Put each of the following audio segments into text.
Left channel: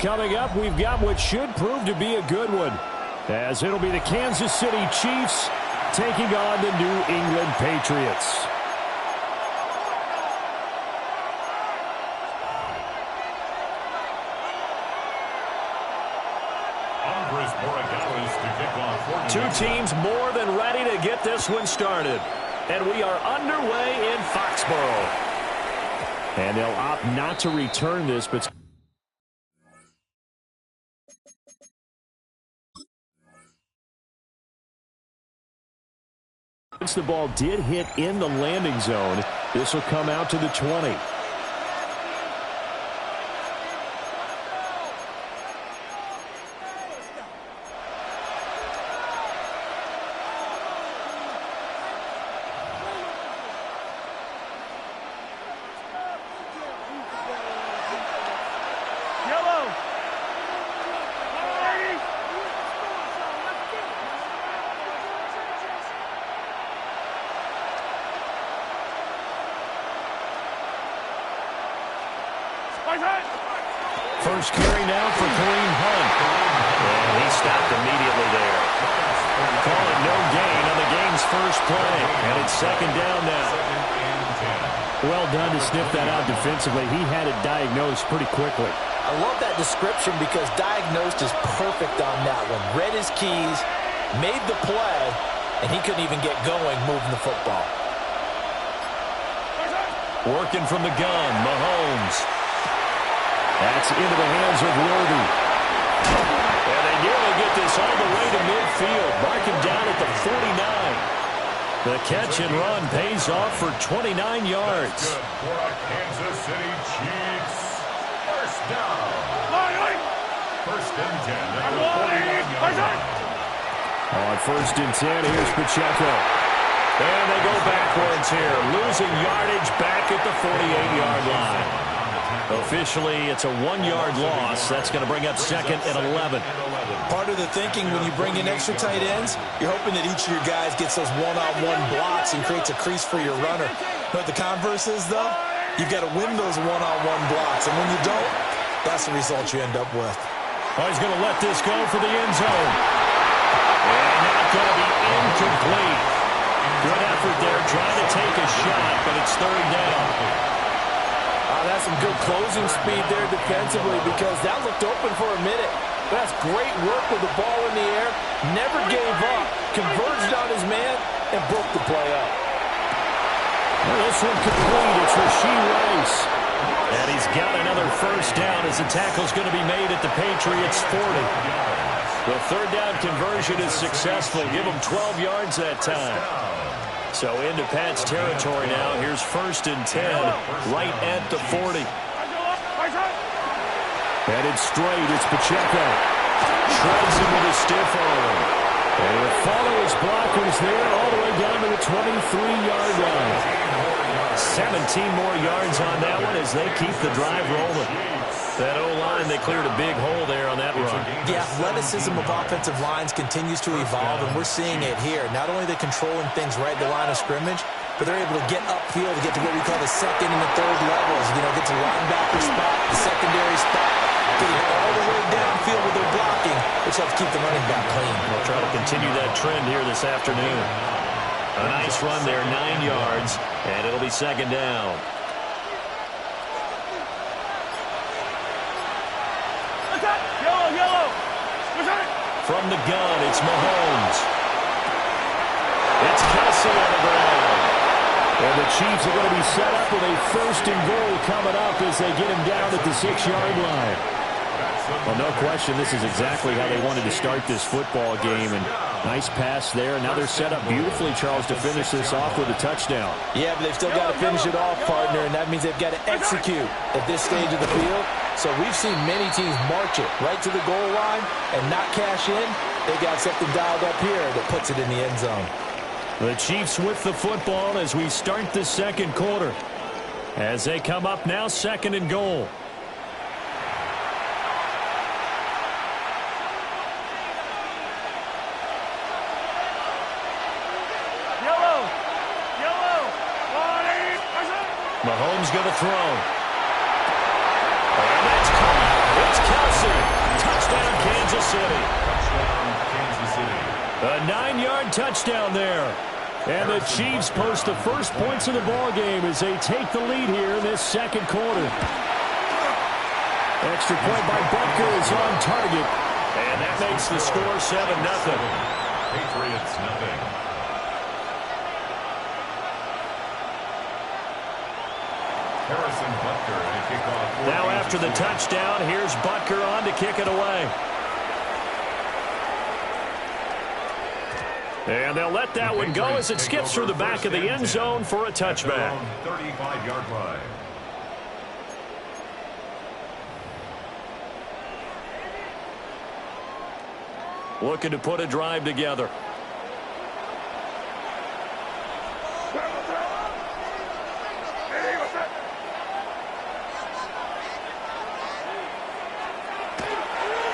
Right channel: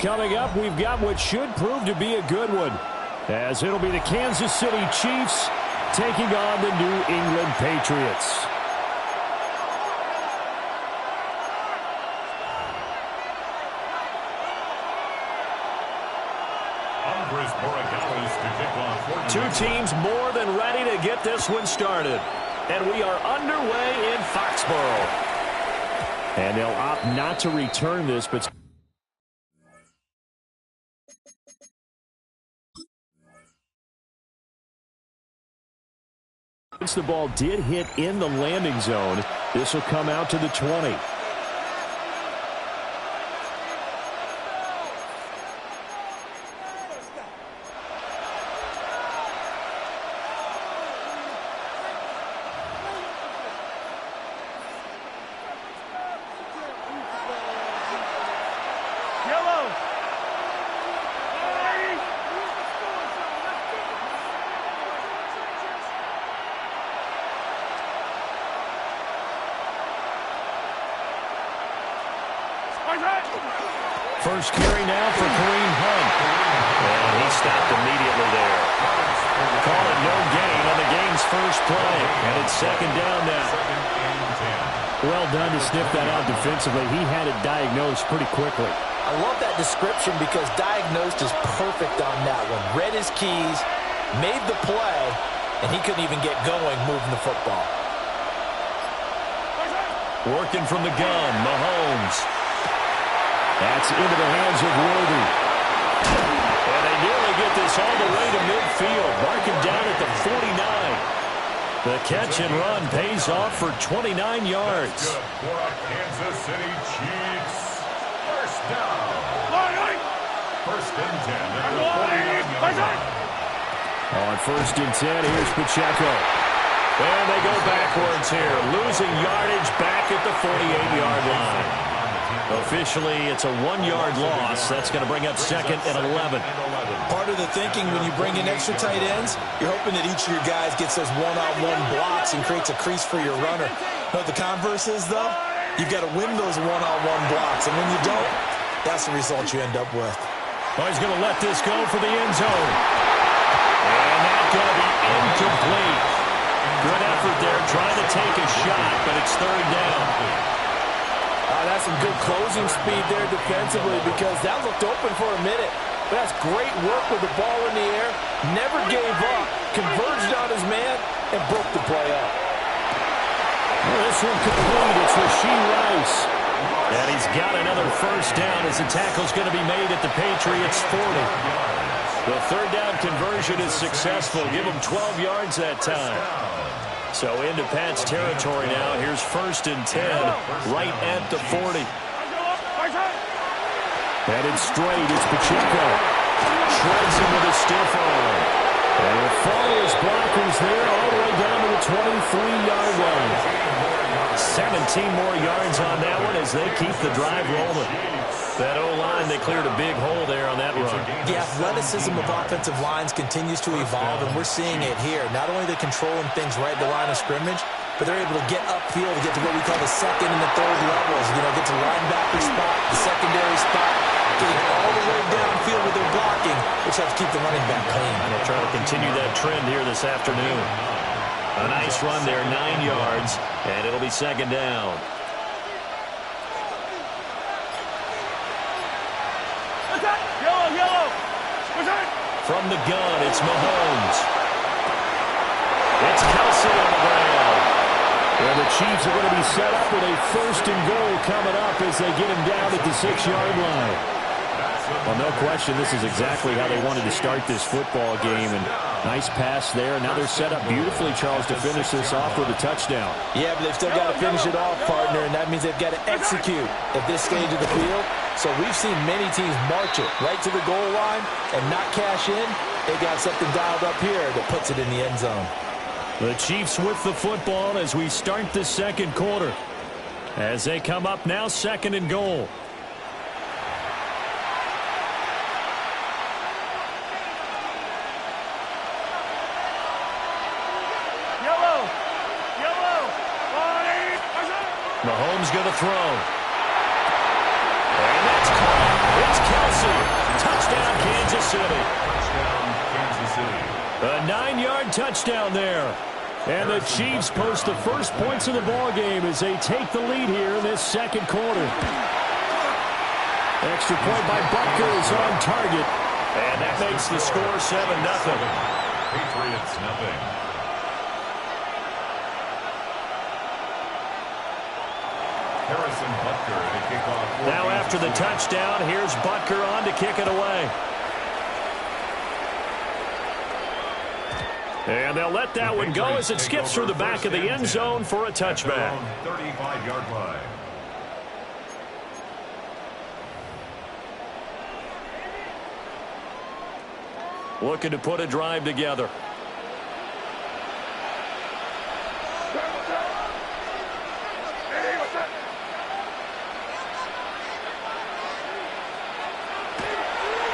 Coming up, we've got what should prove to be a good one, as it'll be the Kansas City Chiefs taking on the New England Patriots. Two teams more than ready to get this one started. And we are underway in Foxborough. And they'll opt not to return this, but since the ball did hit in the landing zone, this will come out to the 20. First carry now for Kareem Hunt. And he stopped immediately there. Call it no gain on the game's first play. And it's second down now. Well done to sniff that out defensively. He had it diagnosed pretty quickly. I love that description because diagnosed is perfect on that one. Read his keys, made the play, and he couldn't even get going moving the football. Working from the gun, Mahomes. That's into the hands of Worthy. And they nearly get this all the way to midfield. Mark him down at the 49. The catch and run pays off for 29 yards. For a Kansas City Chiefs. First down. First and 10 at the 49-yard line. On first and 10, here's Pacheco. And they go backwards here, losing yardage back at the 48-yard line. Officially, it's a 1-yard loss. That's going to bring up second and 11. Part of the thinking when you bring in extra tight ends, you're hoping that each of your guys gets those one-on-one blocks and creates a crease for your runner. You know what the converse is, though? You've got to win those one-on-one blocks, and when you don't, that's the result you end up with. Oh, he's going to let this go for the end zone. And that's going to be incomplete. Good effort there, trying to take a shot, but it's third down. That's some good closing speed there defensively because that looked open for a minute. But that's great work with the ball in the air. Never gave up. Converged on his man and broke the play up. Well, this one complete. It's Rashee Rice. And he's got another first down as the tackle's going to be made at the Patriots' 40. The third down conversion is successful. Give him 12 yards that time. So into Pat's territory now. Here's first and 10 right at the 40. Headed straight, it's Pacheco. Shreds him with a stiff arm. And he'll follow his blockers there all the way down to the 23-yard line. 17 more yards on that one as they keep the drive rolling. That O-line, they cleared a big hole there on that run. The athleticism of offensive lines continues to evolve, and we're seeing it here. Not only are they controlling things right at the line of scrimmage, but they're able to get upfield to get to what we call the second and the third levels. You know, get to the linebacker spot, the secondary spot, getting all the way downfield with their blocking, which helps keep the running back clean. They'll try to continue that trend here this afternoon. A nice run there, 9 yards, and it'll be second down. From the gun, it's Mahomes. It's Kelsey on the ground. And the Chiefs are going to be set up with a first and goal coming up as they get him down at the 6-yard line. Well, no question, this is exactly how they wanted to start this football game. And nice pass there. Now they're set up beautifully, Charles, to finish this off with a touchdown. Yeah, but they've still got to finish it off, partner, and that means they've got to execute at this stage of the field. So we've seen many teams march it right to the goal line and not cash in. They got something dialed up here that puts it in the end zone. The Chiefs with the football as we start the second quarter. As they come up now, second and goal. Mahomes going to throw. And that's caught. It's Kelsey received. Touchdown, Kansas City. Touchdown, Kansas City. A 9-yard touchdown there. And the Chiefs post the first points of the ball game as they take the lead here in this second quarter. Extra point by Butker is on target. And that makes the score 7-0. Patriots, nothing. Harrison Butker to kick off. Now after the touchdown, here's Butker on to kick it away. And they'll let that one go as it skips through the back of the end zone for a touchback. 35-yard line. Looking to put a drive together.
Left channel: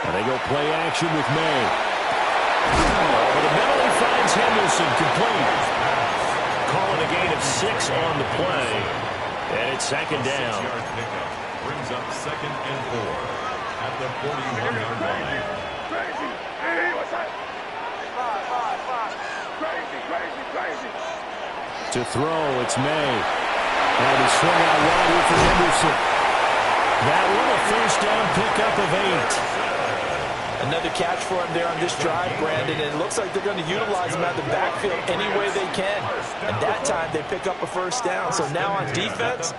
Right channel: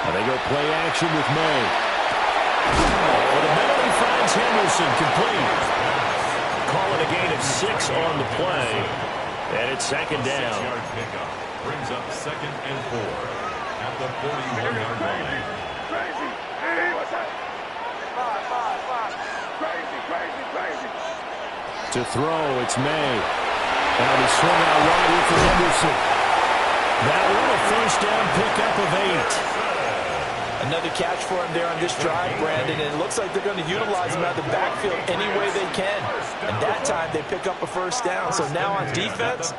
And they go play action with May. Over the middle, he finds Henderson complete. Calling a gain of 6 on the play. And it's second down. 6-yard pickup brings up 2nd and 4 at the 41-yard line. Crazy. Hey, what's that? 5. Crazy. To throw, it's May. And he swung out wide here for Henderson. That one a first down pickup of 8. Another catch for him there on this drive, Brandon, and it looks like they're going to utilize him out of the backfield any way they can. And that time, they pick up a first down. So now on defense,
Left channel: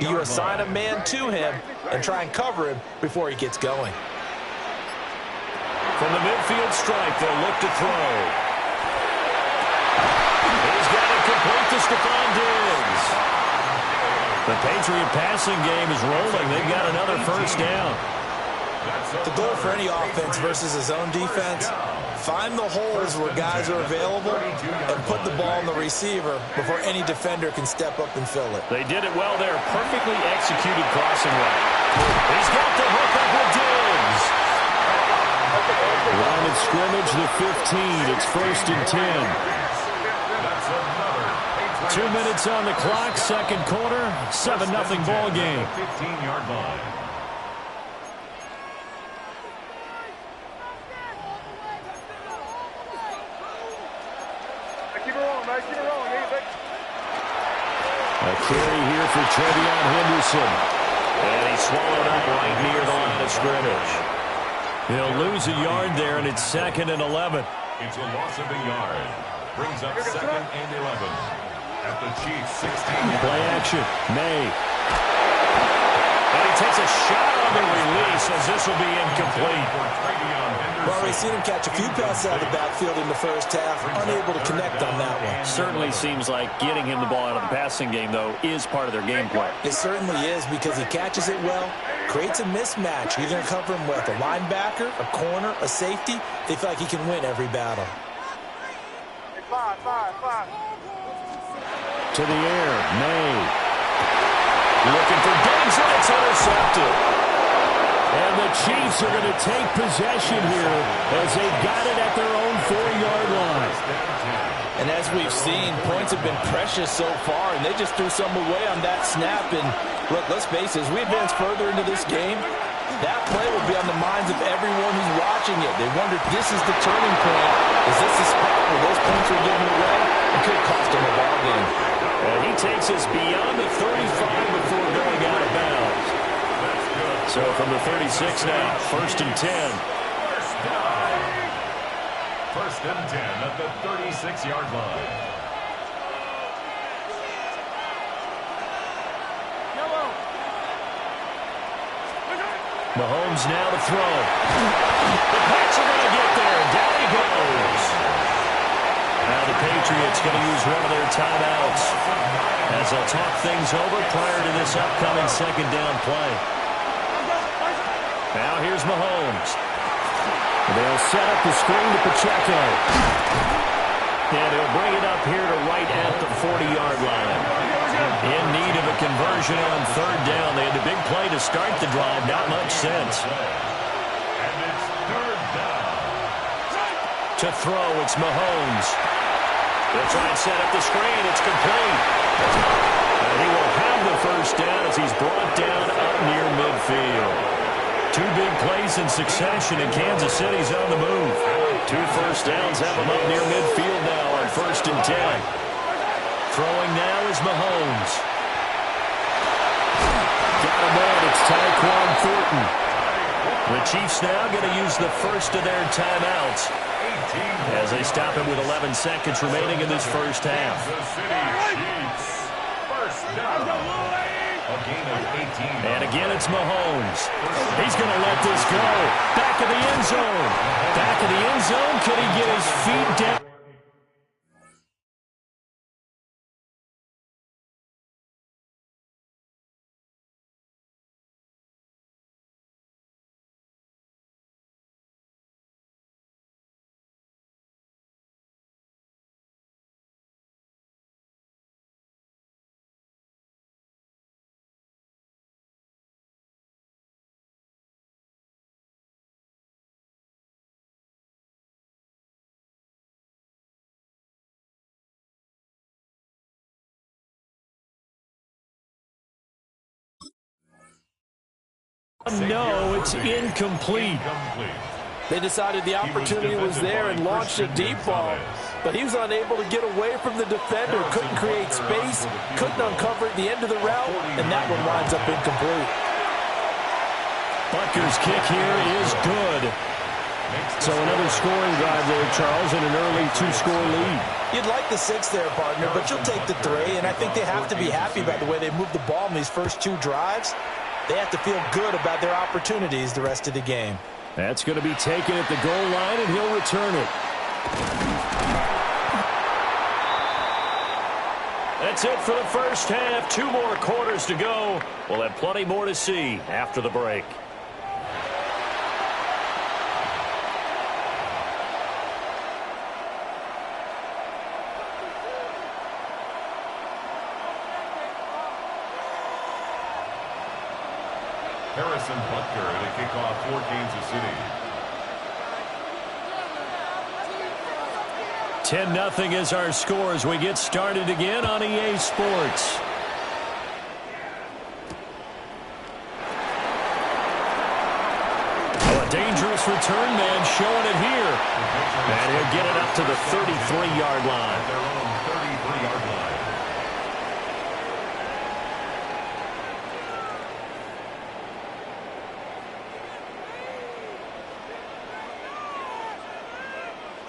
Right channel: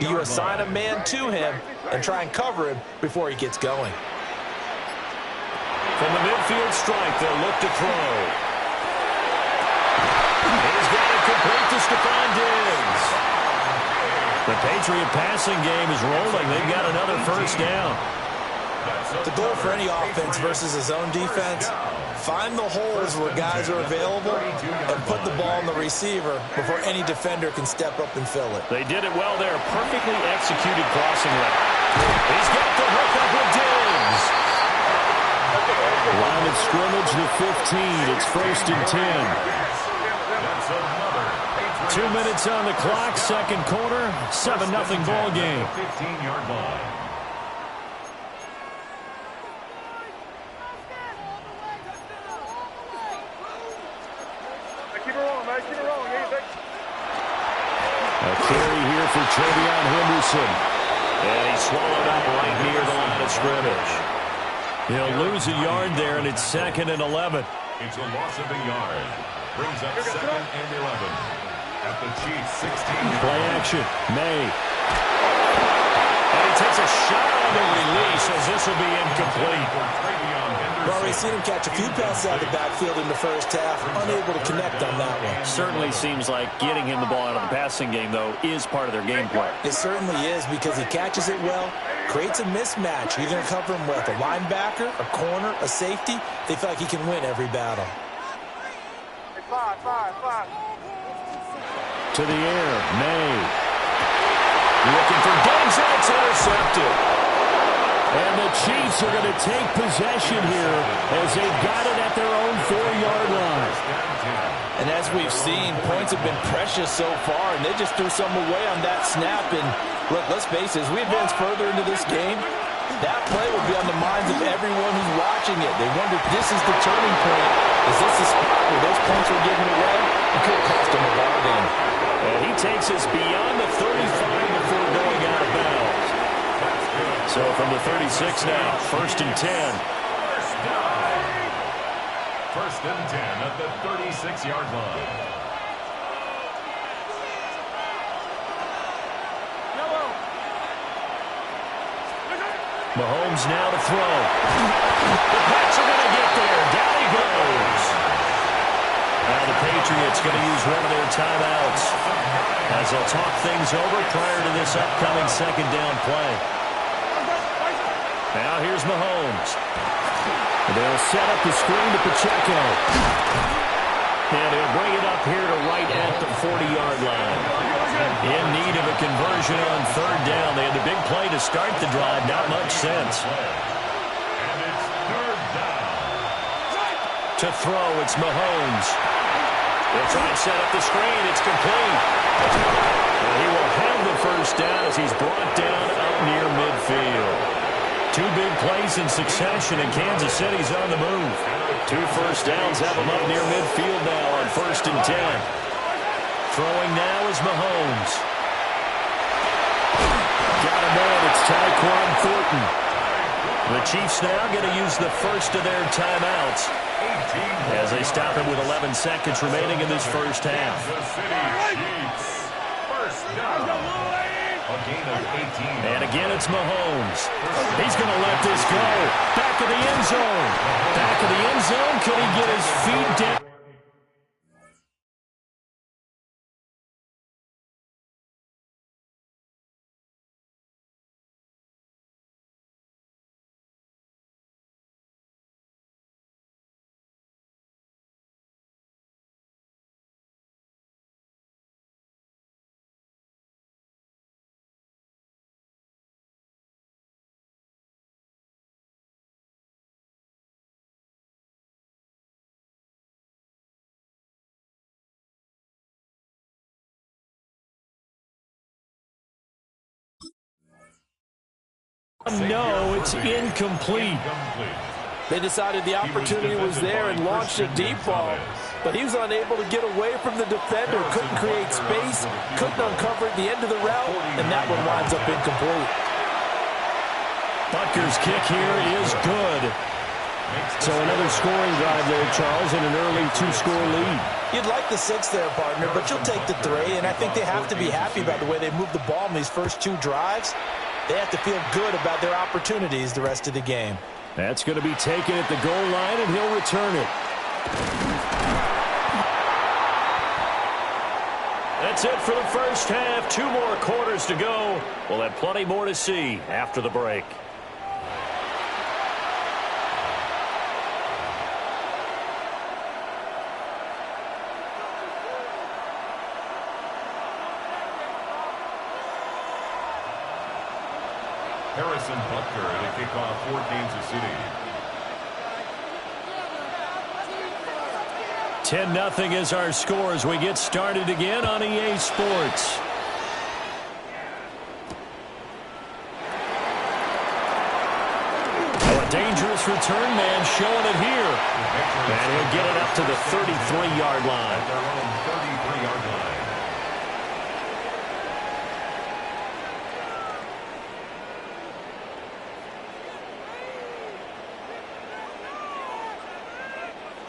you assign a man to him and try and cover him before he gets going. From the midfield strike, they'll look to throw. He's got it complete to Stephon Diggs. The Patriot passing game is rolling. They've got another first down. The goal for any offense versus his own defense, find the holes where guys are available and put the ball in the receiver before any defender can step up and fill it. They did it well there. Perfectly executed crossing route. He's got the hook up with Diggs. Line of scrimmage, the 15. It's 1st and 10. That's another 2 minutes on the clock, second quarter, 7-0 ball game. 15-yard line. Keep it rolling, man. Keep it rolling. A carry here for Trevion Henderson. And he's swallowed up right near the line of scrimmage. He'll lose a yard there, and it's 2nd and 11. It's a loss of a yard. Brings up 2nd and 11. At the Chiefs' 16. Play action. May. And he takes a shot on the release as this will be incomplete. We've already seen him catch a few passes out of the backfield in the first half, unable to connect on that one. Certainly seems like getting him the ball out of the passing game, though, is part of their game plan. It certainly is because he catches it well, creates a mismatch. You're going to cover him with a linebacker, a corner, a safety. They feel like he can win every battle. 5. To the air, May. Looking for Diggs, and it's intercepted. And the Chiefs are going to take possession here as they've got it at their own 4-yard line. And as we've seen, points have been precious so far, and they just threw some away on that snap. And look, let's face it, as we advance further into this game, that play will be on the minds of everyone who's watching it. They wonder if this is the turning point. Is this the spot where those points are given away? It could cost them a ball game. And he takes us beyond the 35 before going out of bounds. So from the 36 now, 1st and 10. First and 10 at the 36-yard line. Mahomes now to throw. The Pats are going to get there. Down he goes. Now the Patriots going to use one of their timeouts as they'll talk things over prior to this upcoming second down play. Now here's Mahomes. They'll set up the screen to Pacheco. And he'll bring it up here to right at the 40-yard line. In need of a conversion on 3rd down. They had the big play to start the drive. Not much sense. And it's 3rd down. To throw, it's Mahomes. They'll try and set up the screen. It's complete. And he will have the first down as he's brought down up near midfield. Two big plays in succession, and Kansas City's on the move. 2 first downs have them up near midfield now on 1st and 10. Throwing now is Mahomes. Got a man. It's Tyquan Thornton. The Chiefs now going to use the first of their timeouts as they stop him with 11 seconds remaining in this first half. And again, it's Mahomes. He's going to let this go. Back of the end zone. Back of the end zone. Can he get his feet down? No, it's incomplete. They decided the opportunity was there and launched a deep ball, but he was unable to get away from the defender, couldn't create space, couldn't uncover at the end of the route, and that one winds up incomplete. Butker's kick here is good. So another scoring drive there, Charles, and an early 2-score lead. You'd like the 6 there, partner, but you'll take the 3, and I think they have to be happy about the way they moved the ball in these first 2 drives. They have to feel good about their opportunities the rest of the game. That's going to be taken at the goal line, and he'll return it. That's it for the first half. 2 more quarters to go. We'll have plenty more to see after the break. Harrison Butker to kick off for Kansas City. 10-0 is our score as we get started again on EA Sports. Oh, a dangerous return man showing it here. And he'll get it up to the 33-yard line. At their own 33-yard line.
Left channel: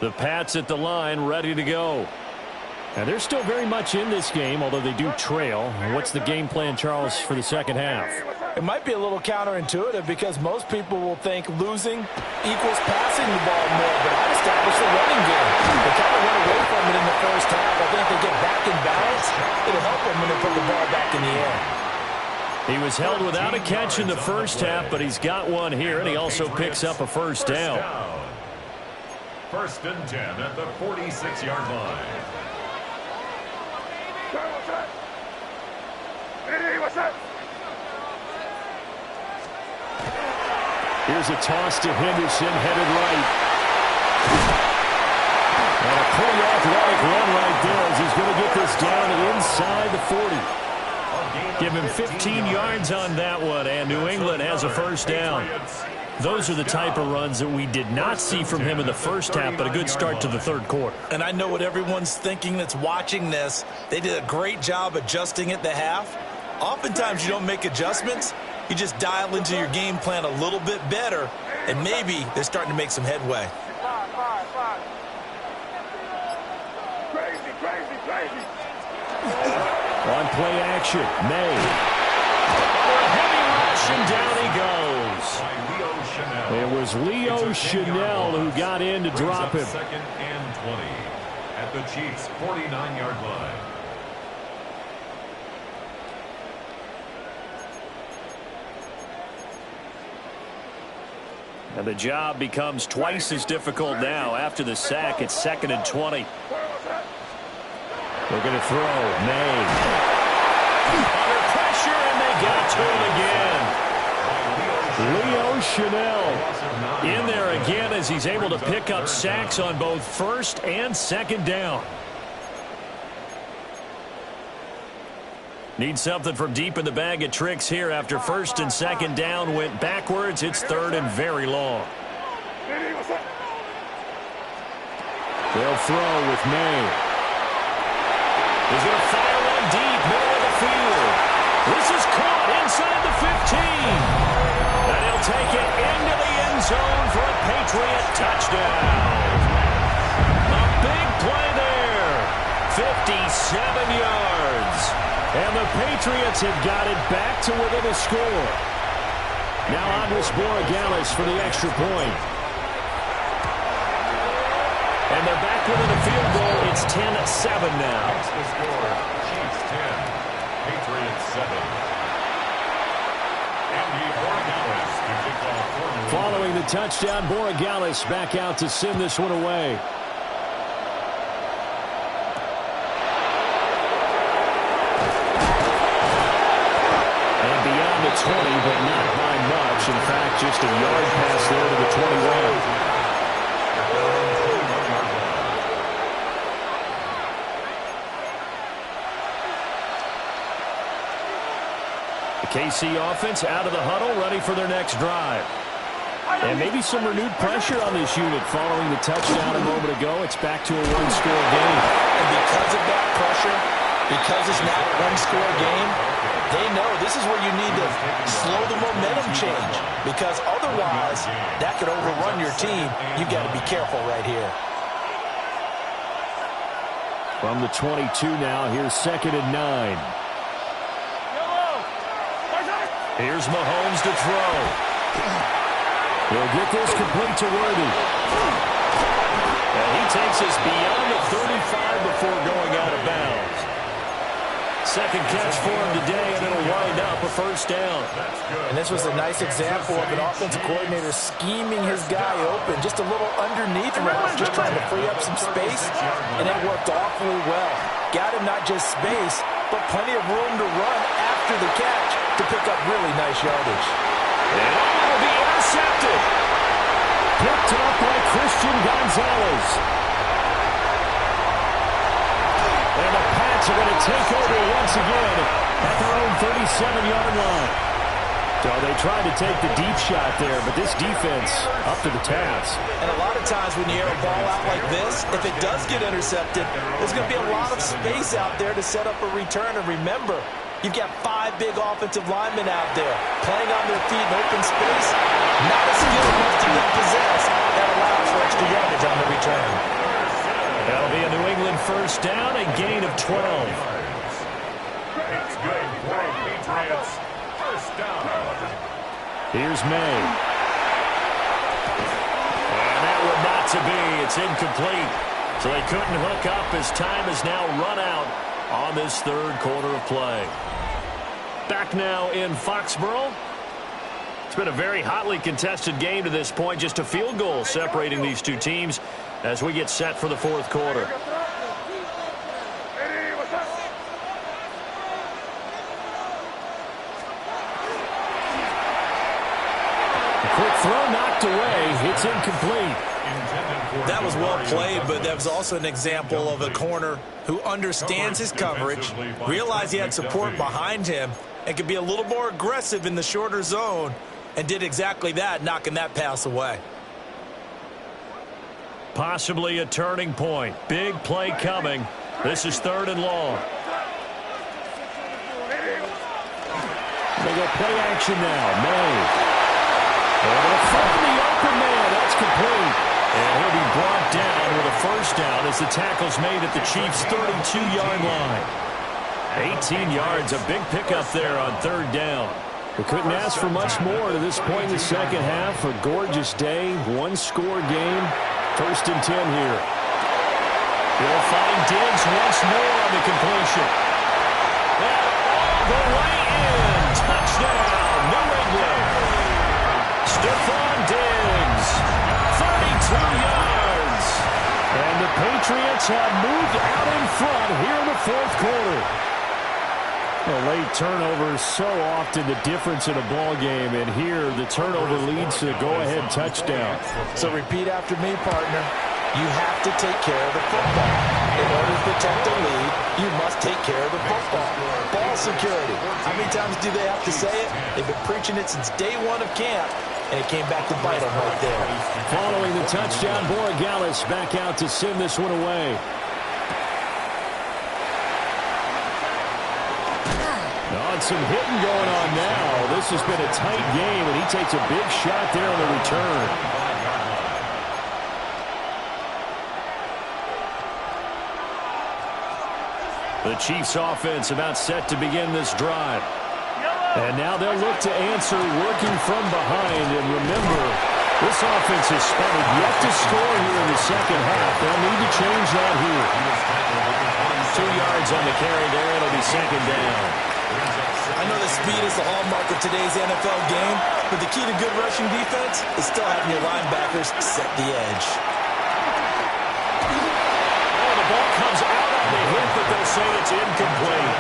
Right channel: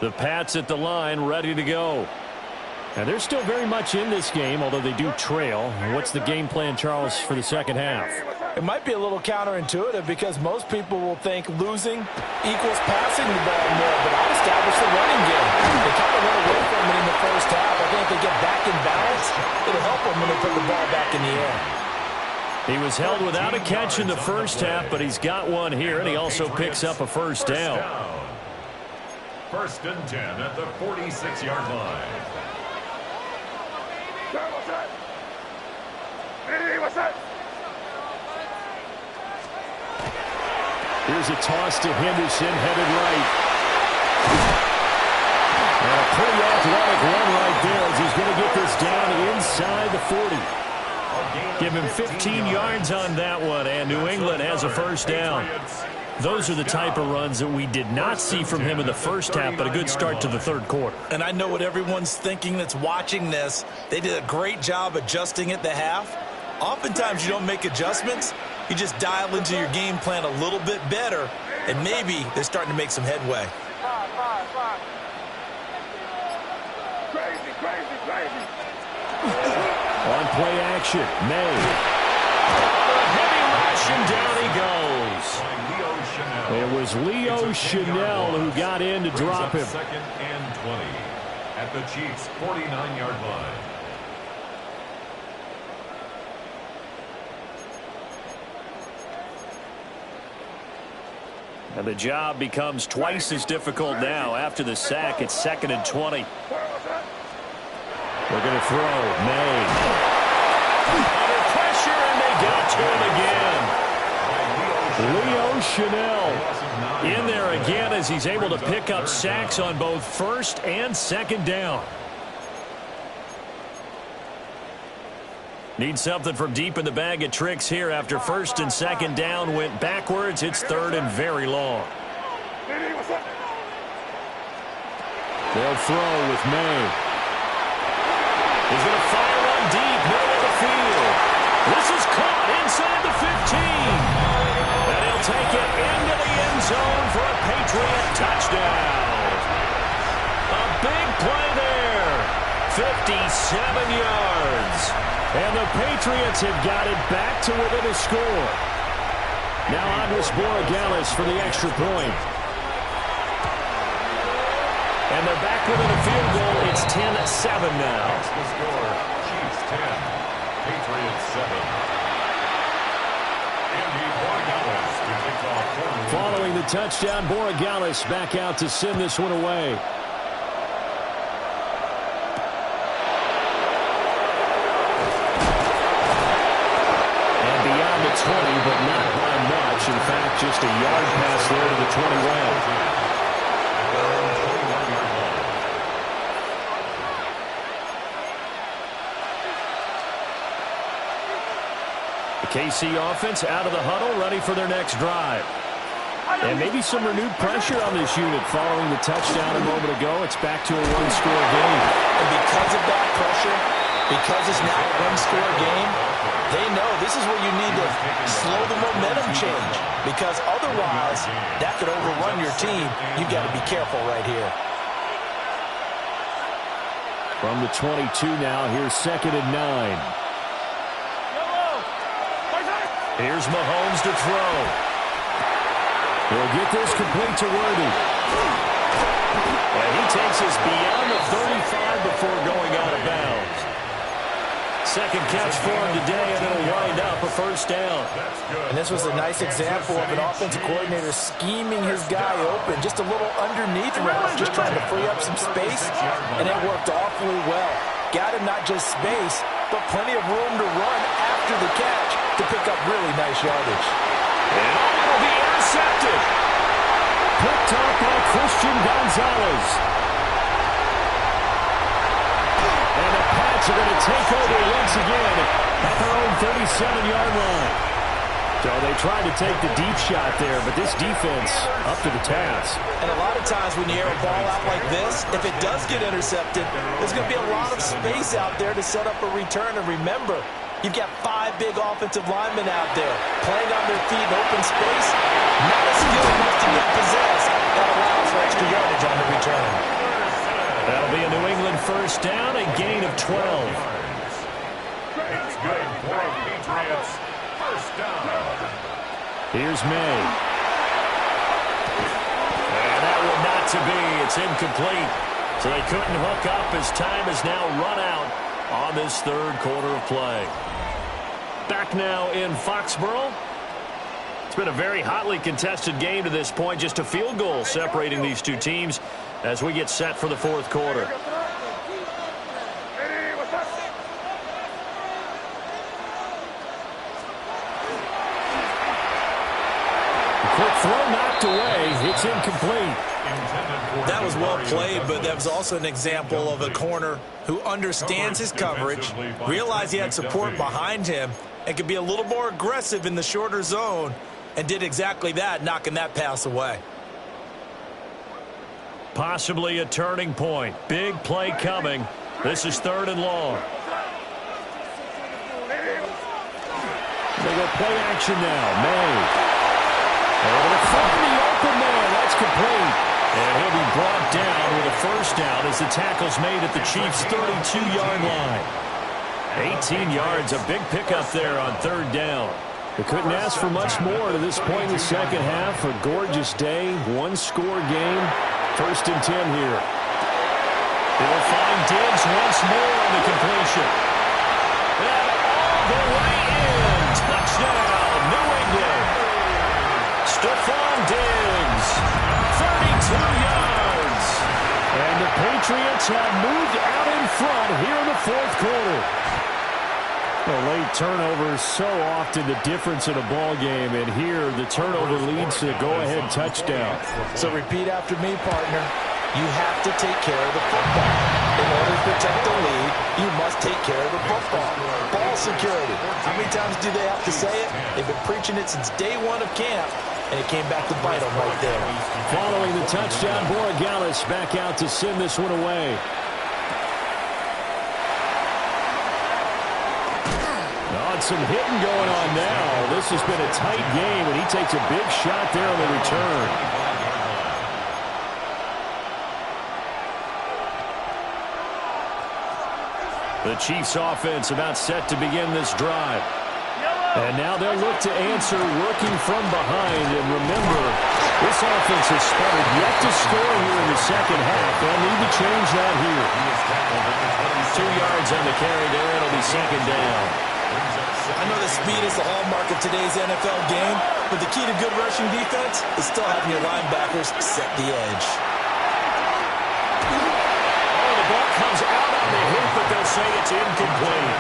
The Pats at the line, ready to go. And they're still very much in this game, although they do trail. What's the game plan, Charles, for the second half? It might be a little counterintuitive because most people will think losing equals passing the ball more, but I'd establish the running game. They kind of went away from it in the first half. I think if they get back in balance, it'll help them when they put the ball back in the air. He was held without a catch in the first half, but he's got one here, and he also picks up a first down. 1st and 10 at the 46-yard line. What's that? Hey, what's that? Here's a toss to Henderson, headed right. And a pretty athletic run right there as he's going to get this down inside the 40. Give him 15 yards on that one, and New England has a first down. Those are the type of runs that we did not see from him in the first half, but a good start to the third quarter. And I know what everyone's thinking that's watching this. They did a great job adjusting at the half. Oftentimes you don't make adjustments. You just dial into your game plan a little bit better, and maybe they're starting to make some headway. Five. Crazy. On play action, May. Under a heavy rush, and down he goes. It was Leo Chanel who got in to drop him. 2nd and 20 at the Chiefs' 49-yard line. And the job becomes twice as difficult now. After the sack, it's 2nd and 20. We're going to throw. May. Under pressure, and they got to him again. Leo Chanel in there again as he's able to pick up sacks on both 1st and 2nd down. Need something from deep in the bag of tricks here after first and second down went backwards. It's third and very long. They'll throw with May. He's going to fire one deep, middle of the field. This is caught inside the 15. And he'll take it into the end zone for a Patriot touchdown. A big play there. 57 yards. And the Patriots have got it back to within a score. Now Andres Borregales for the extra point. And they're back within a field goal. It's 10-7 now. That's the score. Chiefs 10, Patriots 7. Andy Borregales to kick off for the lead. Following the touchdown, Borregales back out to send this one away. And beyond the 20, but not by much. In fact, just a yard pass there to the 21. The KC offense out of the huddle, ready for their next drive. And maybe some renewed pressure on this unit following the touchdown a moment ago. It's back to a one-score game. And because of that pressure, because it's now a one-score game, they know this is where you need to slow the momentum change. Because otherwise, that could overrun your team. You've got to be careful right here. From the 22 now, here's 2nd and 9. Here's Mahomes to throw. He'll get this complete to Worthy. And he takes us beyond the 35 before going out of bounds. Second catch for him today, and it'll wind up a first down. And this was a nice example of an offensive coordinator scheming his guy open, just a little underneath route, just trying to free up some space, and it worked awfully well. Got him not just space, but plenty of room to run after the catch to pick up really nice yardage. And it'll be intercepted. Picked up by Christian Gonzalez. And the Pats are going to take over once again at their own 37-yard line. So they tried to take the deep shot there, but this defense up to the task. And a lot of times when you air a ball out like this, if it does get intercepted, there's going to be a lot of space out there to set up a return. And remember, you've got 5 big offensive linemen out there playing on their feet in open space. Not a skill most of them possess. That allows for extra yardage on the return. That'll be a New England first down, a gain of 12. It's good for Patriots. First down. Here's May. And that one not to be. It's incomplete. So they couldn't hook up as time is now run out on this third quarter of play. Back now in Foxborough. It's been a very hotly contested game to this point. Just a field goal separating these two teams as we get set for the fourth quarter. Quick throw knocked away. It's incomplete. That was well played, but that was also an example of a corner who understands his coverage, realized he had support behind him, and could be a little more aggressive in the shorter zone, and did exactly that, knocking that pass away. Possibly a turning point. Big play coming. This is 3rd and long. They go play action now. May. Able to find the open man. That's complete. And he'll be brought down with a first down as the tackle's made at the Chiefs' 32-yard line. 18 yards, a big pickup there on 3rd down. We couldn't ask for much more to this point in the second half. A gorgeous day, one-score game. 1st and 10 here. He'll find Diggs once more on the completion. And all the way in. Touchdown, New England. Stephon Diggs, 32 yards. And the Patriots have moved out in front here in the fourth quarter. A late turnover, so often the difference in a ball game, and here the turnover leads to a go-ahead touchdown. So repeat after me, partner. You have to take care of the football. In order to protect the lead, you must take care of the football. Ball security. How many times do they have to say it? They've been preaching it since day one of camp, and it came back to bite them right there. Following the touchdown, Borregales back out to send this one away. Oh, some hitting going on now. This has been a tight game, and he takes a big shot there on the return. The Chiefs offense about set to begin this drive. And now they'll look to answer working from behind. And remember, this offense has sputtered yet to score here in the second half. They'll need to change that here. 2 yards on the carry there. It'll be second down. I know that speed is the hallmark of today's NFL game, but the key to good rushing defense is still having your linebackers set the edge. Oh, the ball comes out on the hit, but they'll say it's incomplete.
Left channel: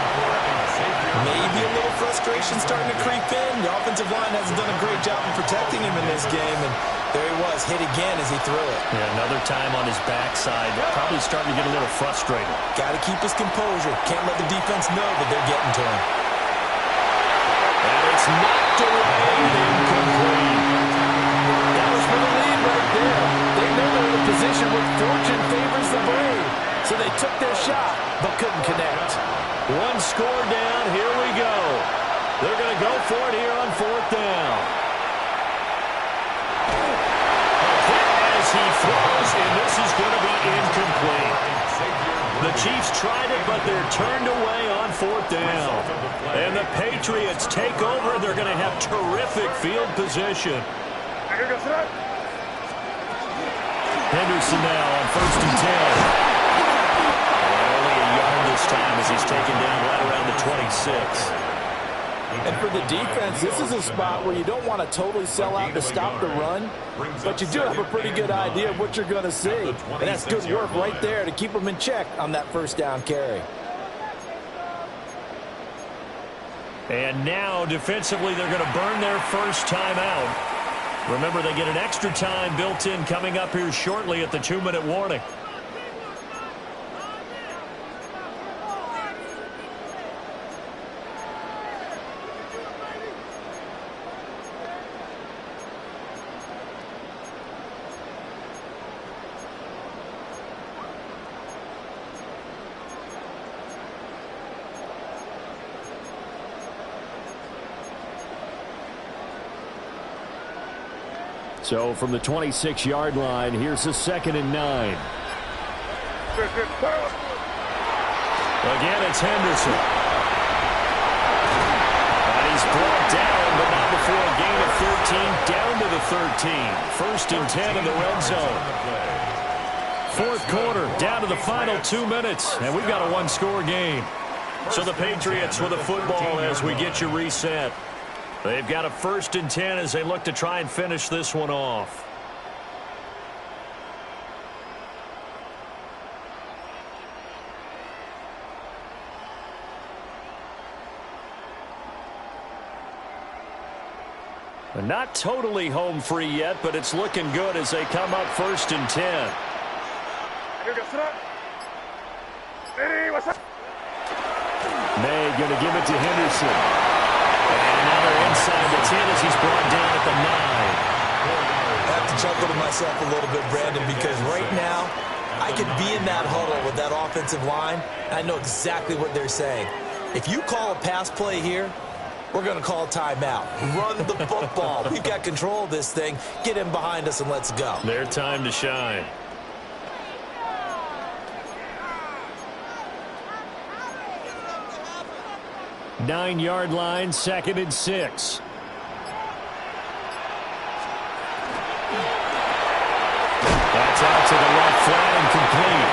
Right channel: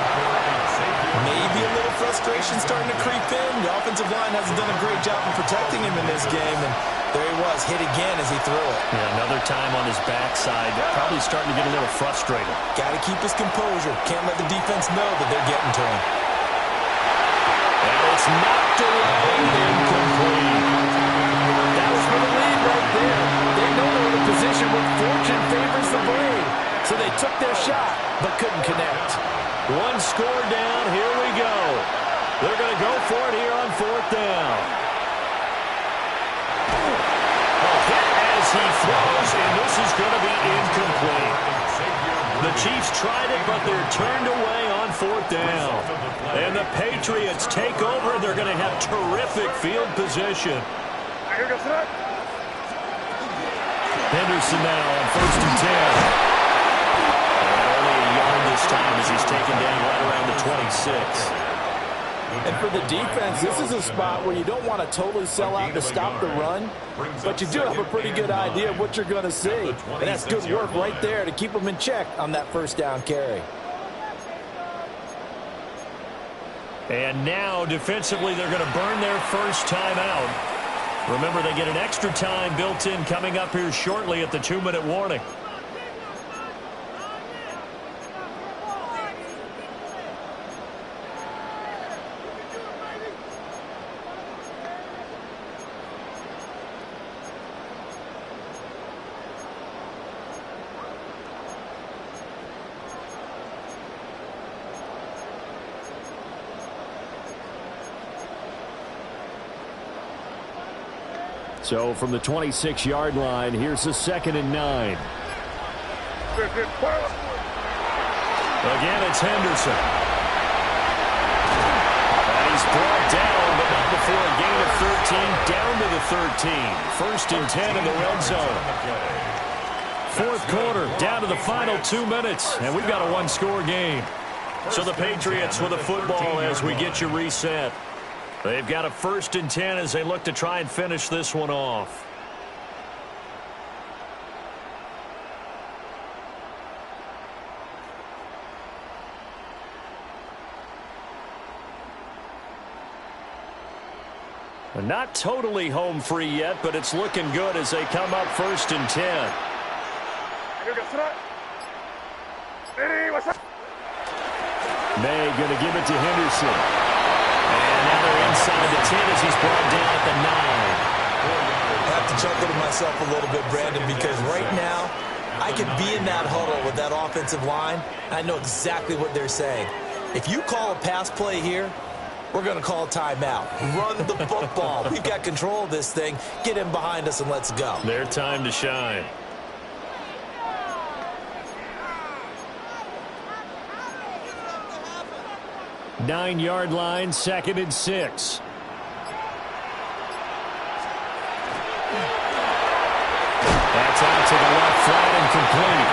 Maybe a little frustration starting to creep in. The offensive line hasn't done a great job of protecting him in this game, and there he was, hit again as he threw it. Yeah, another time on his backside. Probably starting to get a little frustrated. Got to keep his composure. Can't let the defense know that they're getting to him. And it's knocked away, incomplete. That was for the lead right there. They know they're in a position where fortune favors the brave. So they took their shot, but couldn't connect. One score down, here we go. They're going to go for it here on fourth down. A hit as he throws, and this is going to be incomplete. The Chiefs tried it, but they're turned away on fourth down. And the Patriots take over. They're going to have terrific field position. Henderson now on 1st and 10. And only a yard this time as he's taken down right around the 26. And for the defense, this is a spot where you don't want to totally sell out to stop the run, but you do have a pretty good idea of what you're going to see. And that's good work right there to keep them in check on that first down carry. And now, defensively, they're going to burn their first time out. Remember, they get an extra time built in coming up here shortly at the 2-minute warning. So from the 26-yard line, here's a 2nd and 9. Again, it's Henderson. And he's brought down, but not before a gain of 13, down to the 13. 1st and 10 in the red zone. Fourth quarter, down to the final 2 minutes, and we've got a one-score game. So the Patriots with the football as we get you reset. They've got a 1st and 10 as they look to try and finish this one off. They're not totally home free yet, but it's looking good as they come up 1st and 10. May going to give it to Henderson. And now they're inside the 10 as he's brought down at the 9. I have to chuckle to myself a little bit, Brandon, because right now I could be in that huddle with that offensive line, and I know exactly what they're saying. If you call a pass play here, we're going to call a timeout. Run the football. We've got control of this thing. Get him behind us and let's go. Their time to shine. Nine-yard line, 2nd and 6. That's out to the left, flat and complete.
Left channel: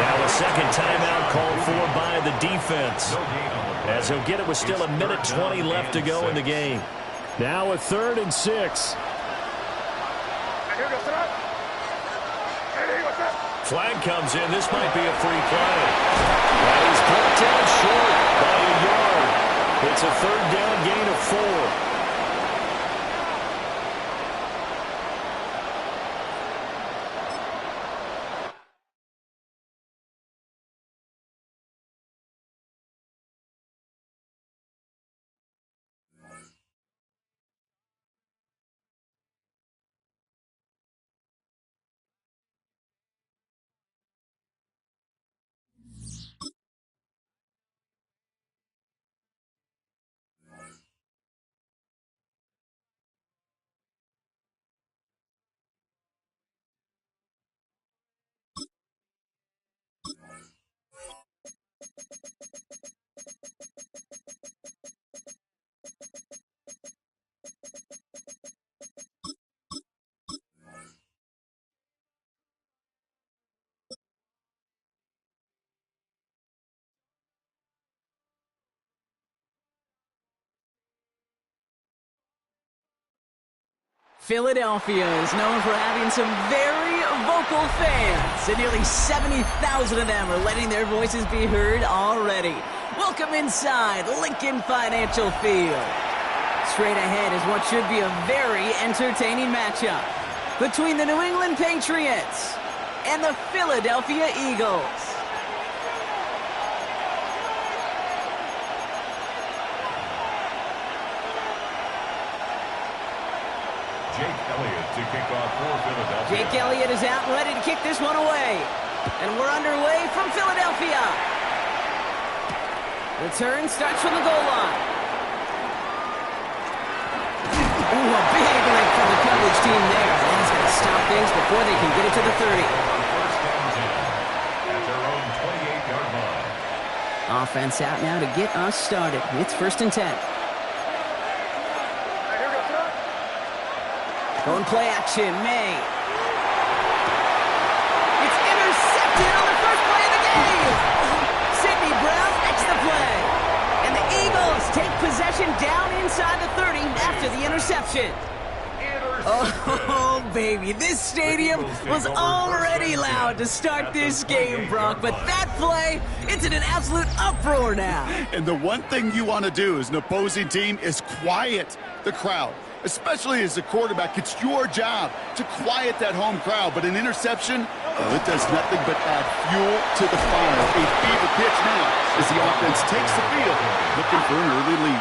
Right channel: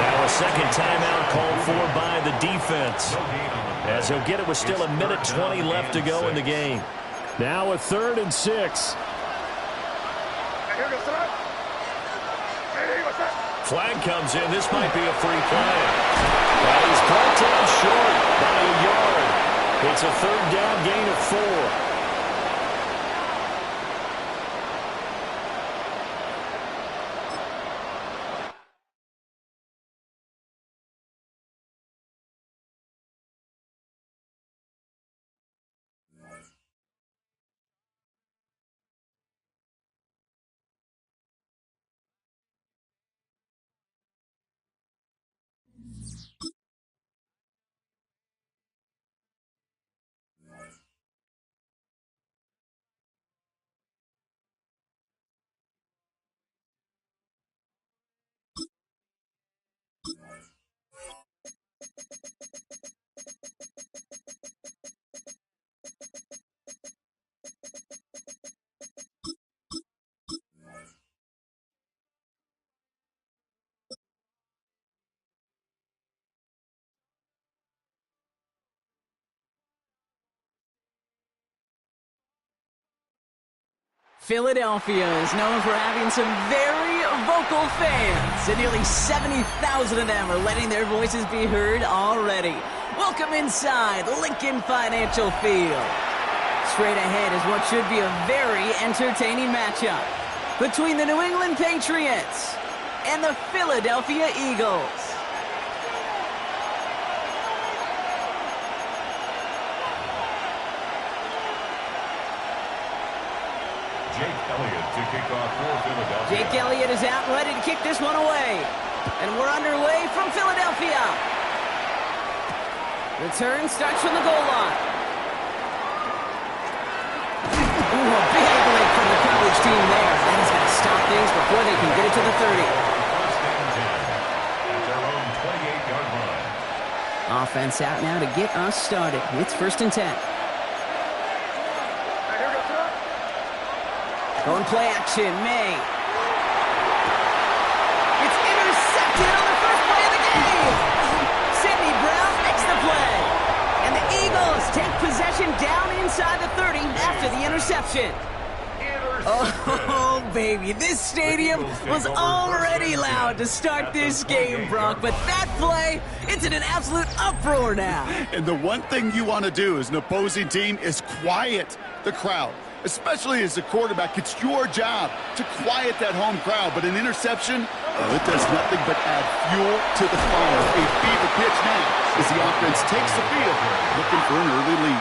Now a second timeout called for by the defense. As he'll get it with still 1:20 left to go in the game. Now a 3rd and 6. Flag comes in. This might be a free play. But he's brought down short by a yard. It's a 3rd down gain of 4. Philadelphia is known for having some very vocal fans, and nearly 70,000 of them are letting their voices be heard already. Welcome inside Lincoln Financial Field. Straight ahead is what should be a very entertaining matchup between the New England Patriots and the Philadelphia Eagles. Jake Elliott to kick off for Philadelphia. Jake Elliott is out and ready to kick this one away. And we're underway from Philadelphia. Return starts from the goal line. Ooh, a big lick from the coverage team there. That is going to stop things before they can get it to the 30. First and 10 at their own 28-yard line. Offense out now to get us started. It's first and 10. Going play action, May. It's intercepted on the first play of the game. Sidney Brown makes the play. And the Eagles take possession down inside the 30 after the interception. Oh, baby, this stadium was already loud to start this game, Brock. But that play, it's in an absolute uproar now. And the one thing you want to do as an opposing team is quiet the crowd. Especially as a quarterback, it's your job to quiet that home crowd. But an interception, well, it does nothing but add fuel to the fire. A fever pitch now as the offense takes the field, looking for an early lead.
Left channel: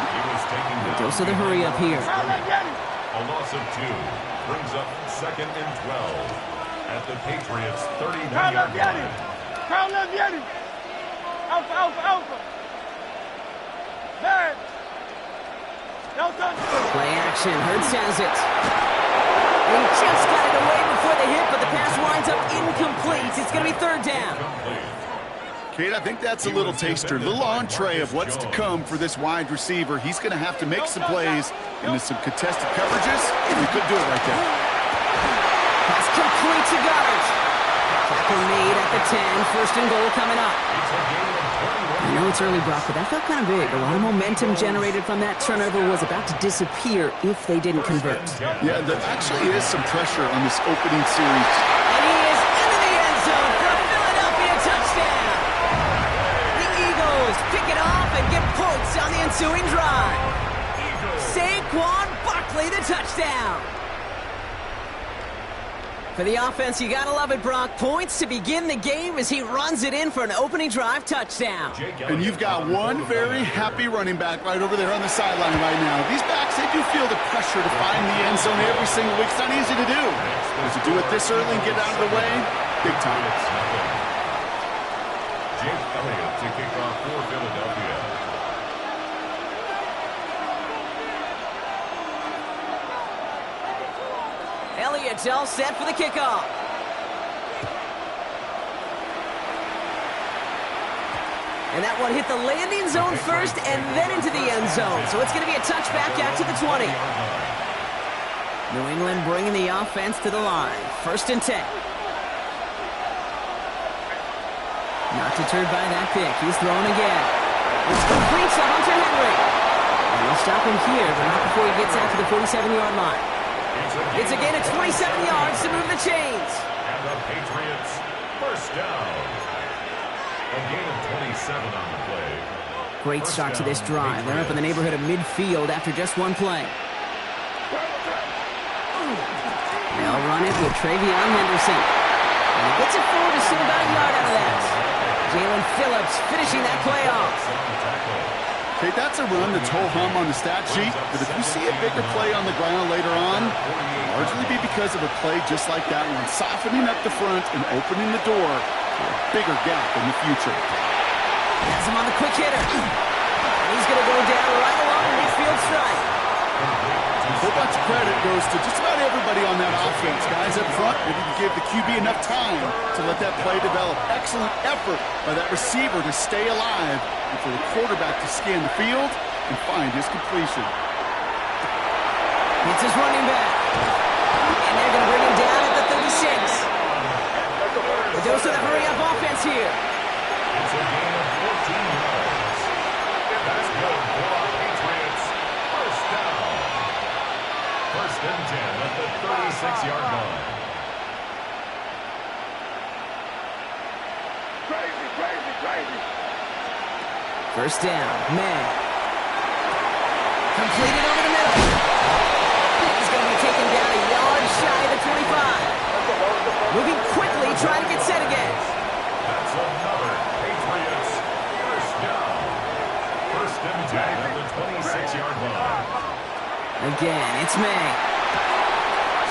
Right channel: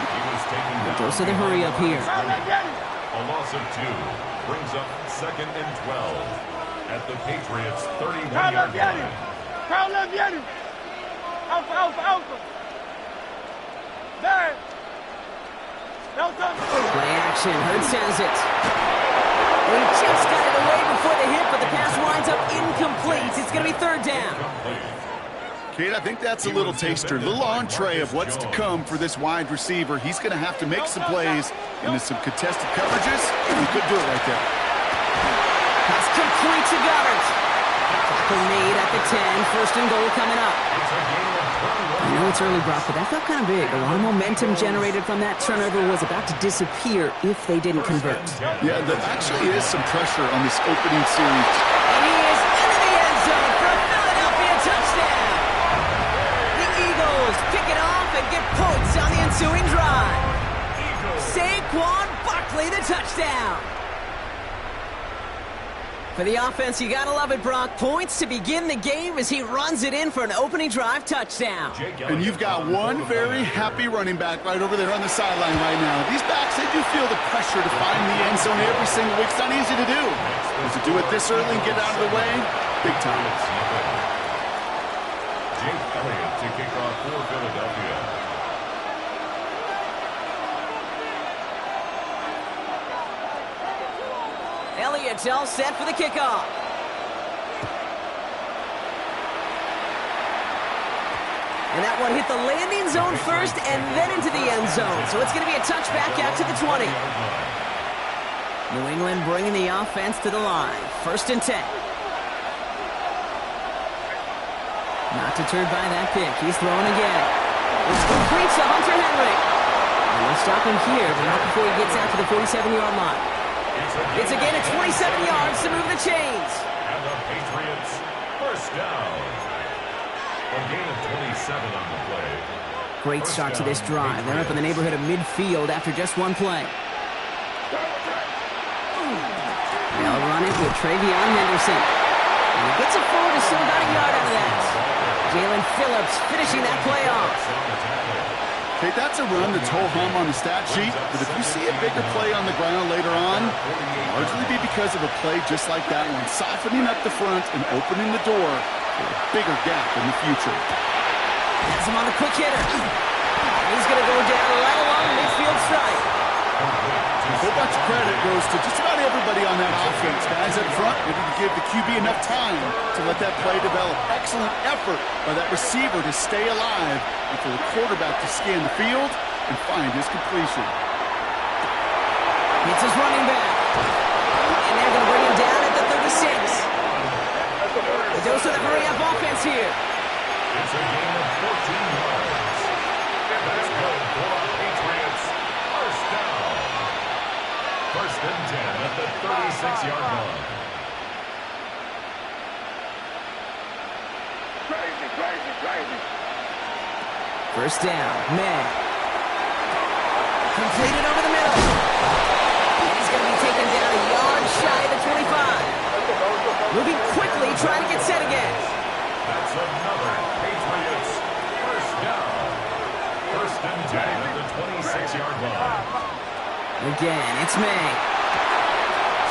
Goes to the hurry up here. A loss of 2 brings up second and 12 at the Patriots' 31-yard line. Alpha. Man. Play action. Hurts has it. And he just got it away before the hit, but the pass winds up incomplete. It's going to be third down. Kate, I think that's a little taster, a little entree of what's to come for this wide receiver. He's going to have to make some plays into some contested coverages. He could do it right there. Pass complete to Goddard. Tackle made at the 10. First and goal coming up. I know it's early, Brock, but that felt kind of big. A lot of momentum generated from that turnover was about to disappear if they didn't convert. Yeah, there actually is some pressure on this opening series. And he is into the end zone for a Philadelphia touchdown. The Eagles pick it off and get points on the ensuing drive. Saquon Barkley, the touchdown. For the offense, you gotta love it, Brock. Points to begin the game as he runs it in for an opening drive touchdown. And you've got one very happy running back right over there on the sideline right now. These backs, they do feel the pressure to find the end zone every single week. It's not easy to do. But to do it this early and get out of the way, big time. Jake Elliott to kick off for Philadelphia. Elliott's all set for the kickoff. And that one hit the landing zone first and then into the end zone. So it's going to be a touchback out to the 20. New England bringing the offense to the line. First and 10. Not deterred by that pick. He's throwing again. It's complete to Hunter Henry. And they'll stop him here, but not before he gets out to the 47-yard line. It's again at 27 yards to move the chains. And the Patriots first down. A gain of 27 on the play. Great start to this drive. They're up in the neighborhood of midfield after just one play. They'll run it with Travion Henderson. And he gets it forward to still about a yard out of that. Jalen Phillips finishing that play off. Okay, that's a run that's ho-hum on the stat sheet, but if you see a bigger play on the ground later on, it'll largely be because of a play just like that one, softening up the front and opening the door for a bigger gap in the future. Has him on the quick hitter. And he's going to go down right along the midfield strike. A whole bunch of credit goes to just about everybody on that offense. Guys up front, ready to give the QB enough time to let that play develop. Excellent effort by that receiver to stay alive and for the quarterback to scan the field and find his completion. It's his running back. And they're going to bring him down at the 36. The dose of the hurry-up offense here. It's a gain of 14 yards. That's good for our Patriots. First down. First and 10 at the 26-yard line. Crazy, crazy, crazy. First down, May. Completed over the middle. And he's going to be taken down a yard shy of the 25. Moving quickly, trying to get set again. That's another Patriots first down. First and 10 at the 26-yard line. Again, it's May.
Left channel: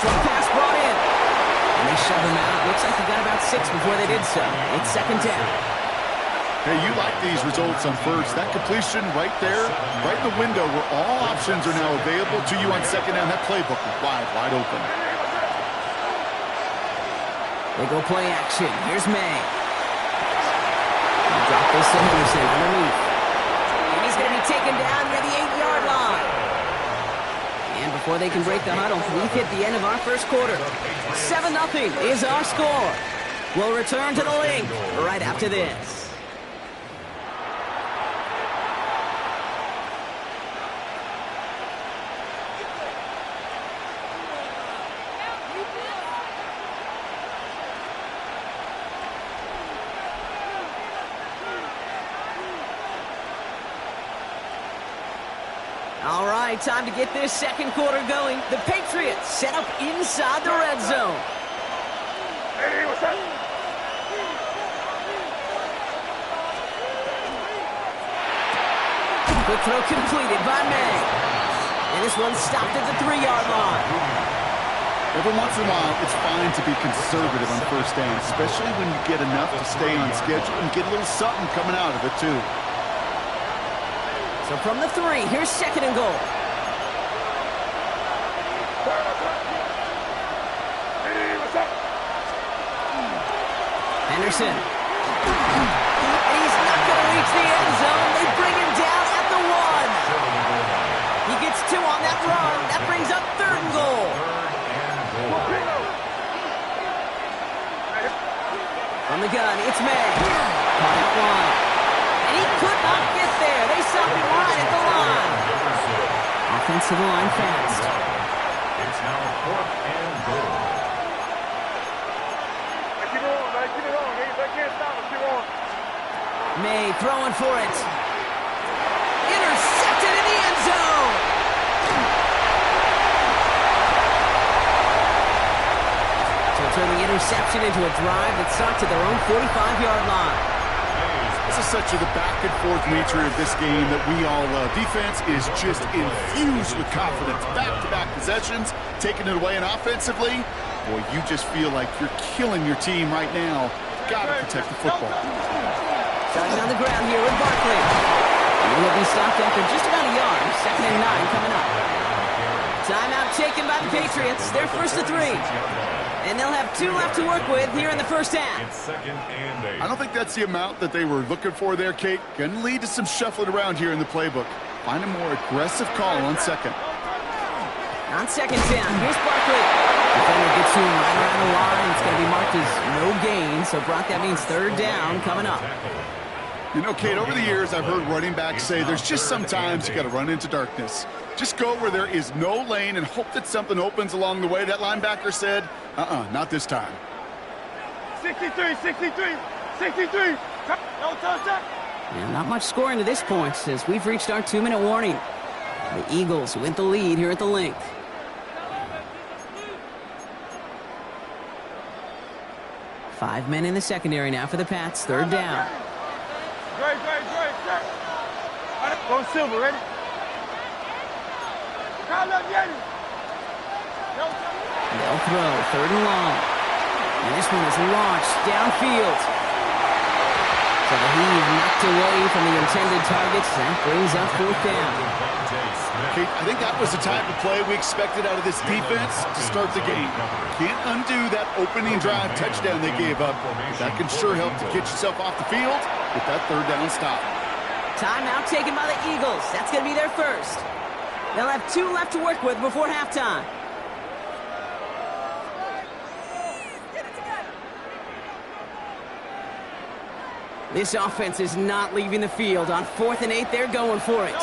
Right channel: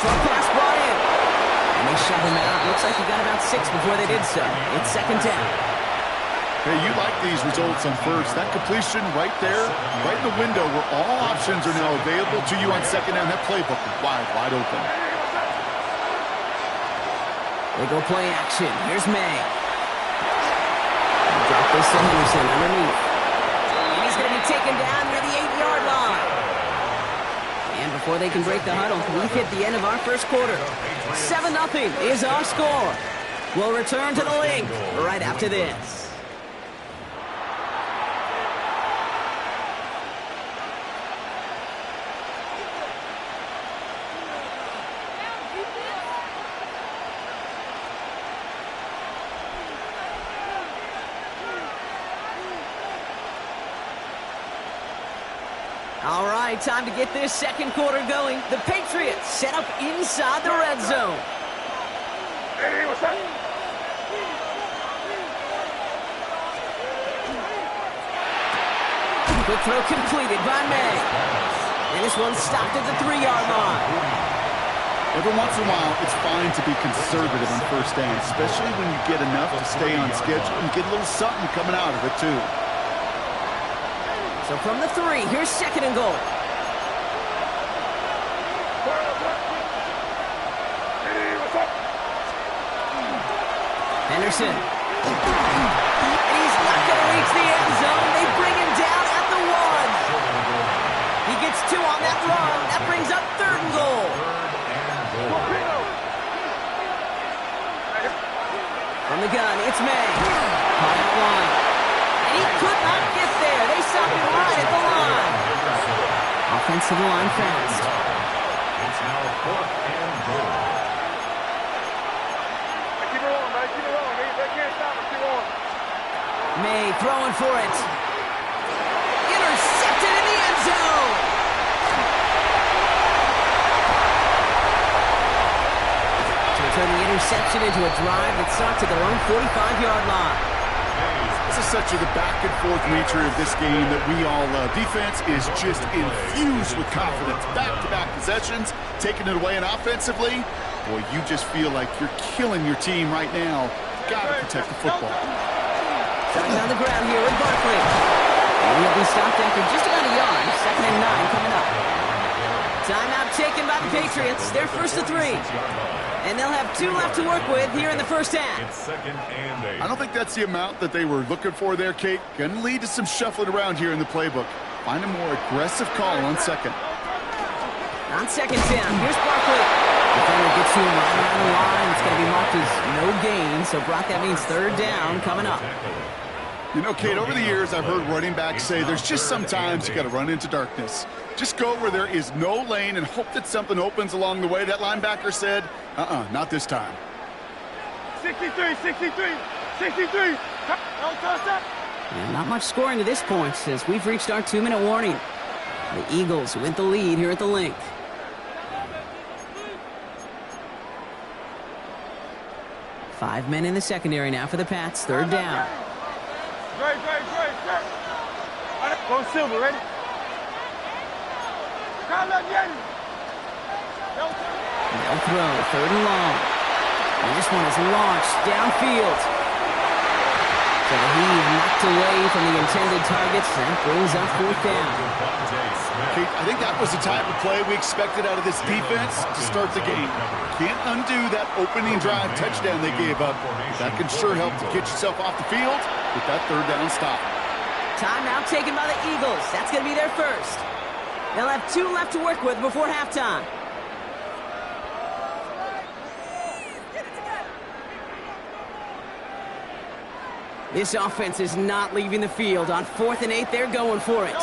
Short pass brought in. And they shove him out. Looks like he got about 6 before they did so. It's second down. Hey, you like these results on first. That completion right there, right in the window where all options are now available to you on second down. That playbook is wide open. They go play action. Here's May. Drop this to Henderson underneath. And he's going to be taken down near the 8-yard line. And before they can break the huddle, we've hit the end of our first quarter. 7-0 is our score. We'll return to the link right after this. All right, time to get this second quarter going. The Patriots set up inside the red zone. Hey, what's up? Quick throw completed by May. And this one stopped at the 3-yard line. Every once in a while, it's fine to be conservative on first down, especially when you get enough to stay on schedule and get a little something coming out of it, too. So from the 3, here's second and goal. Hey, what's up? Henderson. And he's not going to reach the end zone. They bring him down at the 1. He gets 2 on that run. That brings up third and goal. From the gun, it's May. Caught out wide. And he could not get there. They stop him right at the line. Offensive line fast. It's now fourth and goal. Keep it rolling, man. Keep it rolling. They can't stop us. Keep rolling. May throwing for it. Intercepted in the end zone. To turn the interception into a drive that starts at their own 45-yard line. This is such the back-and-forth nature of this game that we all love. Defense is just infused with confidence. Back-to-back possessions, taking it away, and offensively, boy, you just feel like you're killing your team right now. Got to protect the football. Starting on the ground here with Barkley. And he'll be stopped after just about a yard. Second and 9 coming up. Timeout taken by the Patriots. They're first to 3. And they'll have 2 left to work with here in the first half. It's second and 8. I don't think that's the amount that they were looking for there, Kate. Going to lead to some shuffling around here in the playbook. Find a more aggressive call on second. On second down, here's Barkley. Defender gets to him right around the line. It's going to be marked as no gain. So, Brock, that means third down coming up. You know, Kate, over the years, I've heard running backs say there's just sometimes you got to run into darkness. Just go where there is no lane and hope that something opens along the way. That linebacker said, not this time. 63, 63, 63. No touchdown. And not much scoring to this point since we've reached our 2-minute warning. The Eagles with the lead here at the link. Five men in the secondary now for the Pats. Third down. Great. Go Silver, ready? They'll throw, third and long. And this one is launched downfield. So the heave knocked away from the intended targets. That brings up fourth down. Kate, I think that was the type of play we expected out of this defense to start the game. Can't undo that opening drive touchdown they gave up. That can sure help to get yourself off the field with that third down stop. Timeout taken by the Eagles. That's going to be their first. They'll have 2 left to work with before halftime. This offense is not leaving the field. On 4th and 8, they're going for it.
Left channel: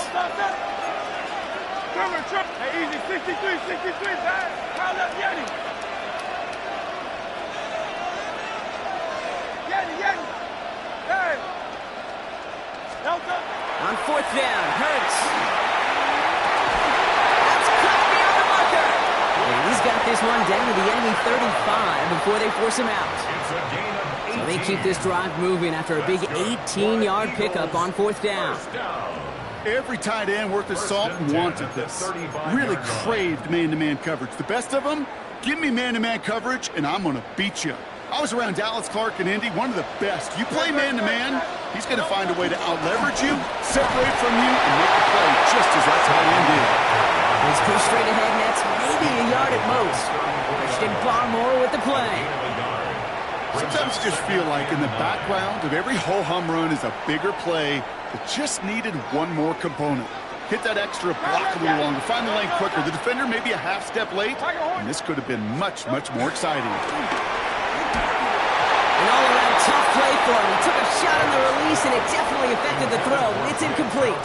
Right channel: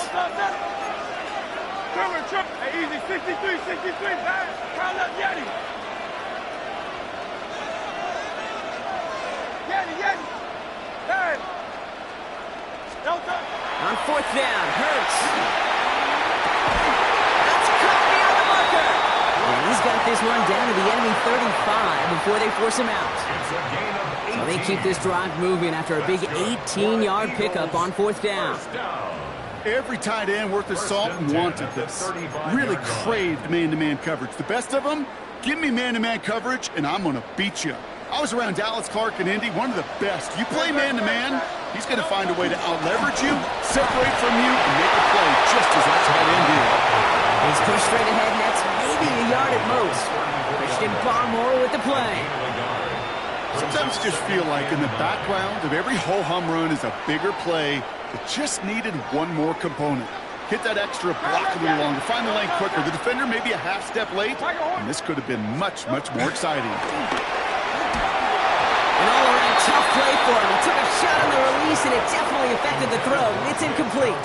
Hey, easy, 63, 63, man. Call up Yeti. 4th down. Hurts. That's cut beyond the marker. And he's got this one down to the enemy 35 before they force him out. It's a gain of 18. So they keep this drive moving after a big 18-yard pickup on 4th down. First down. Every tight end worth his salt wanted this. Really craved man-to-man coverage. The best of them, give me man-to-man coverage, and I'm going to beat you. I was around Dallas Clark and Indy, one of the best. You play man-to-man, he's going to find a way to out-leverage you, separate from you, and make a play just as that tight end did. He's pushed straight ahead, and that's maybe a yard at most. Christian Barmore with the play. Sometimes I just feel like in the background of every ho-hum run is a bigger play that just needed one more component. Hit that extra block a little longer, find the lane quicker. The defender maybe a half step late, and this could have been much, much more exciting. An all-around tough play for him. He took a shot on the release, and it definitely affected the throw. It's incomplete.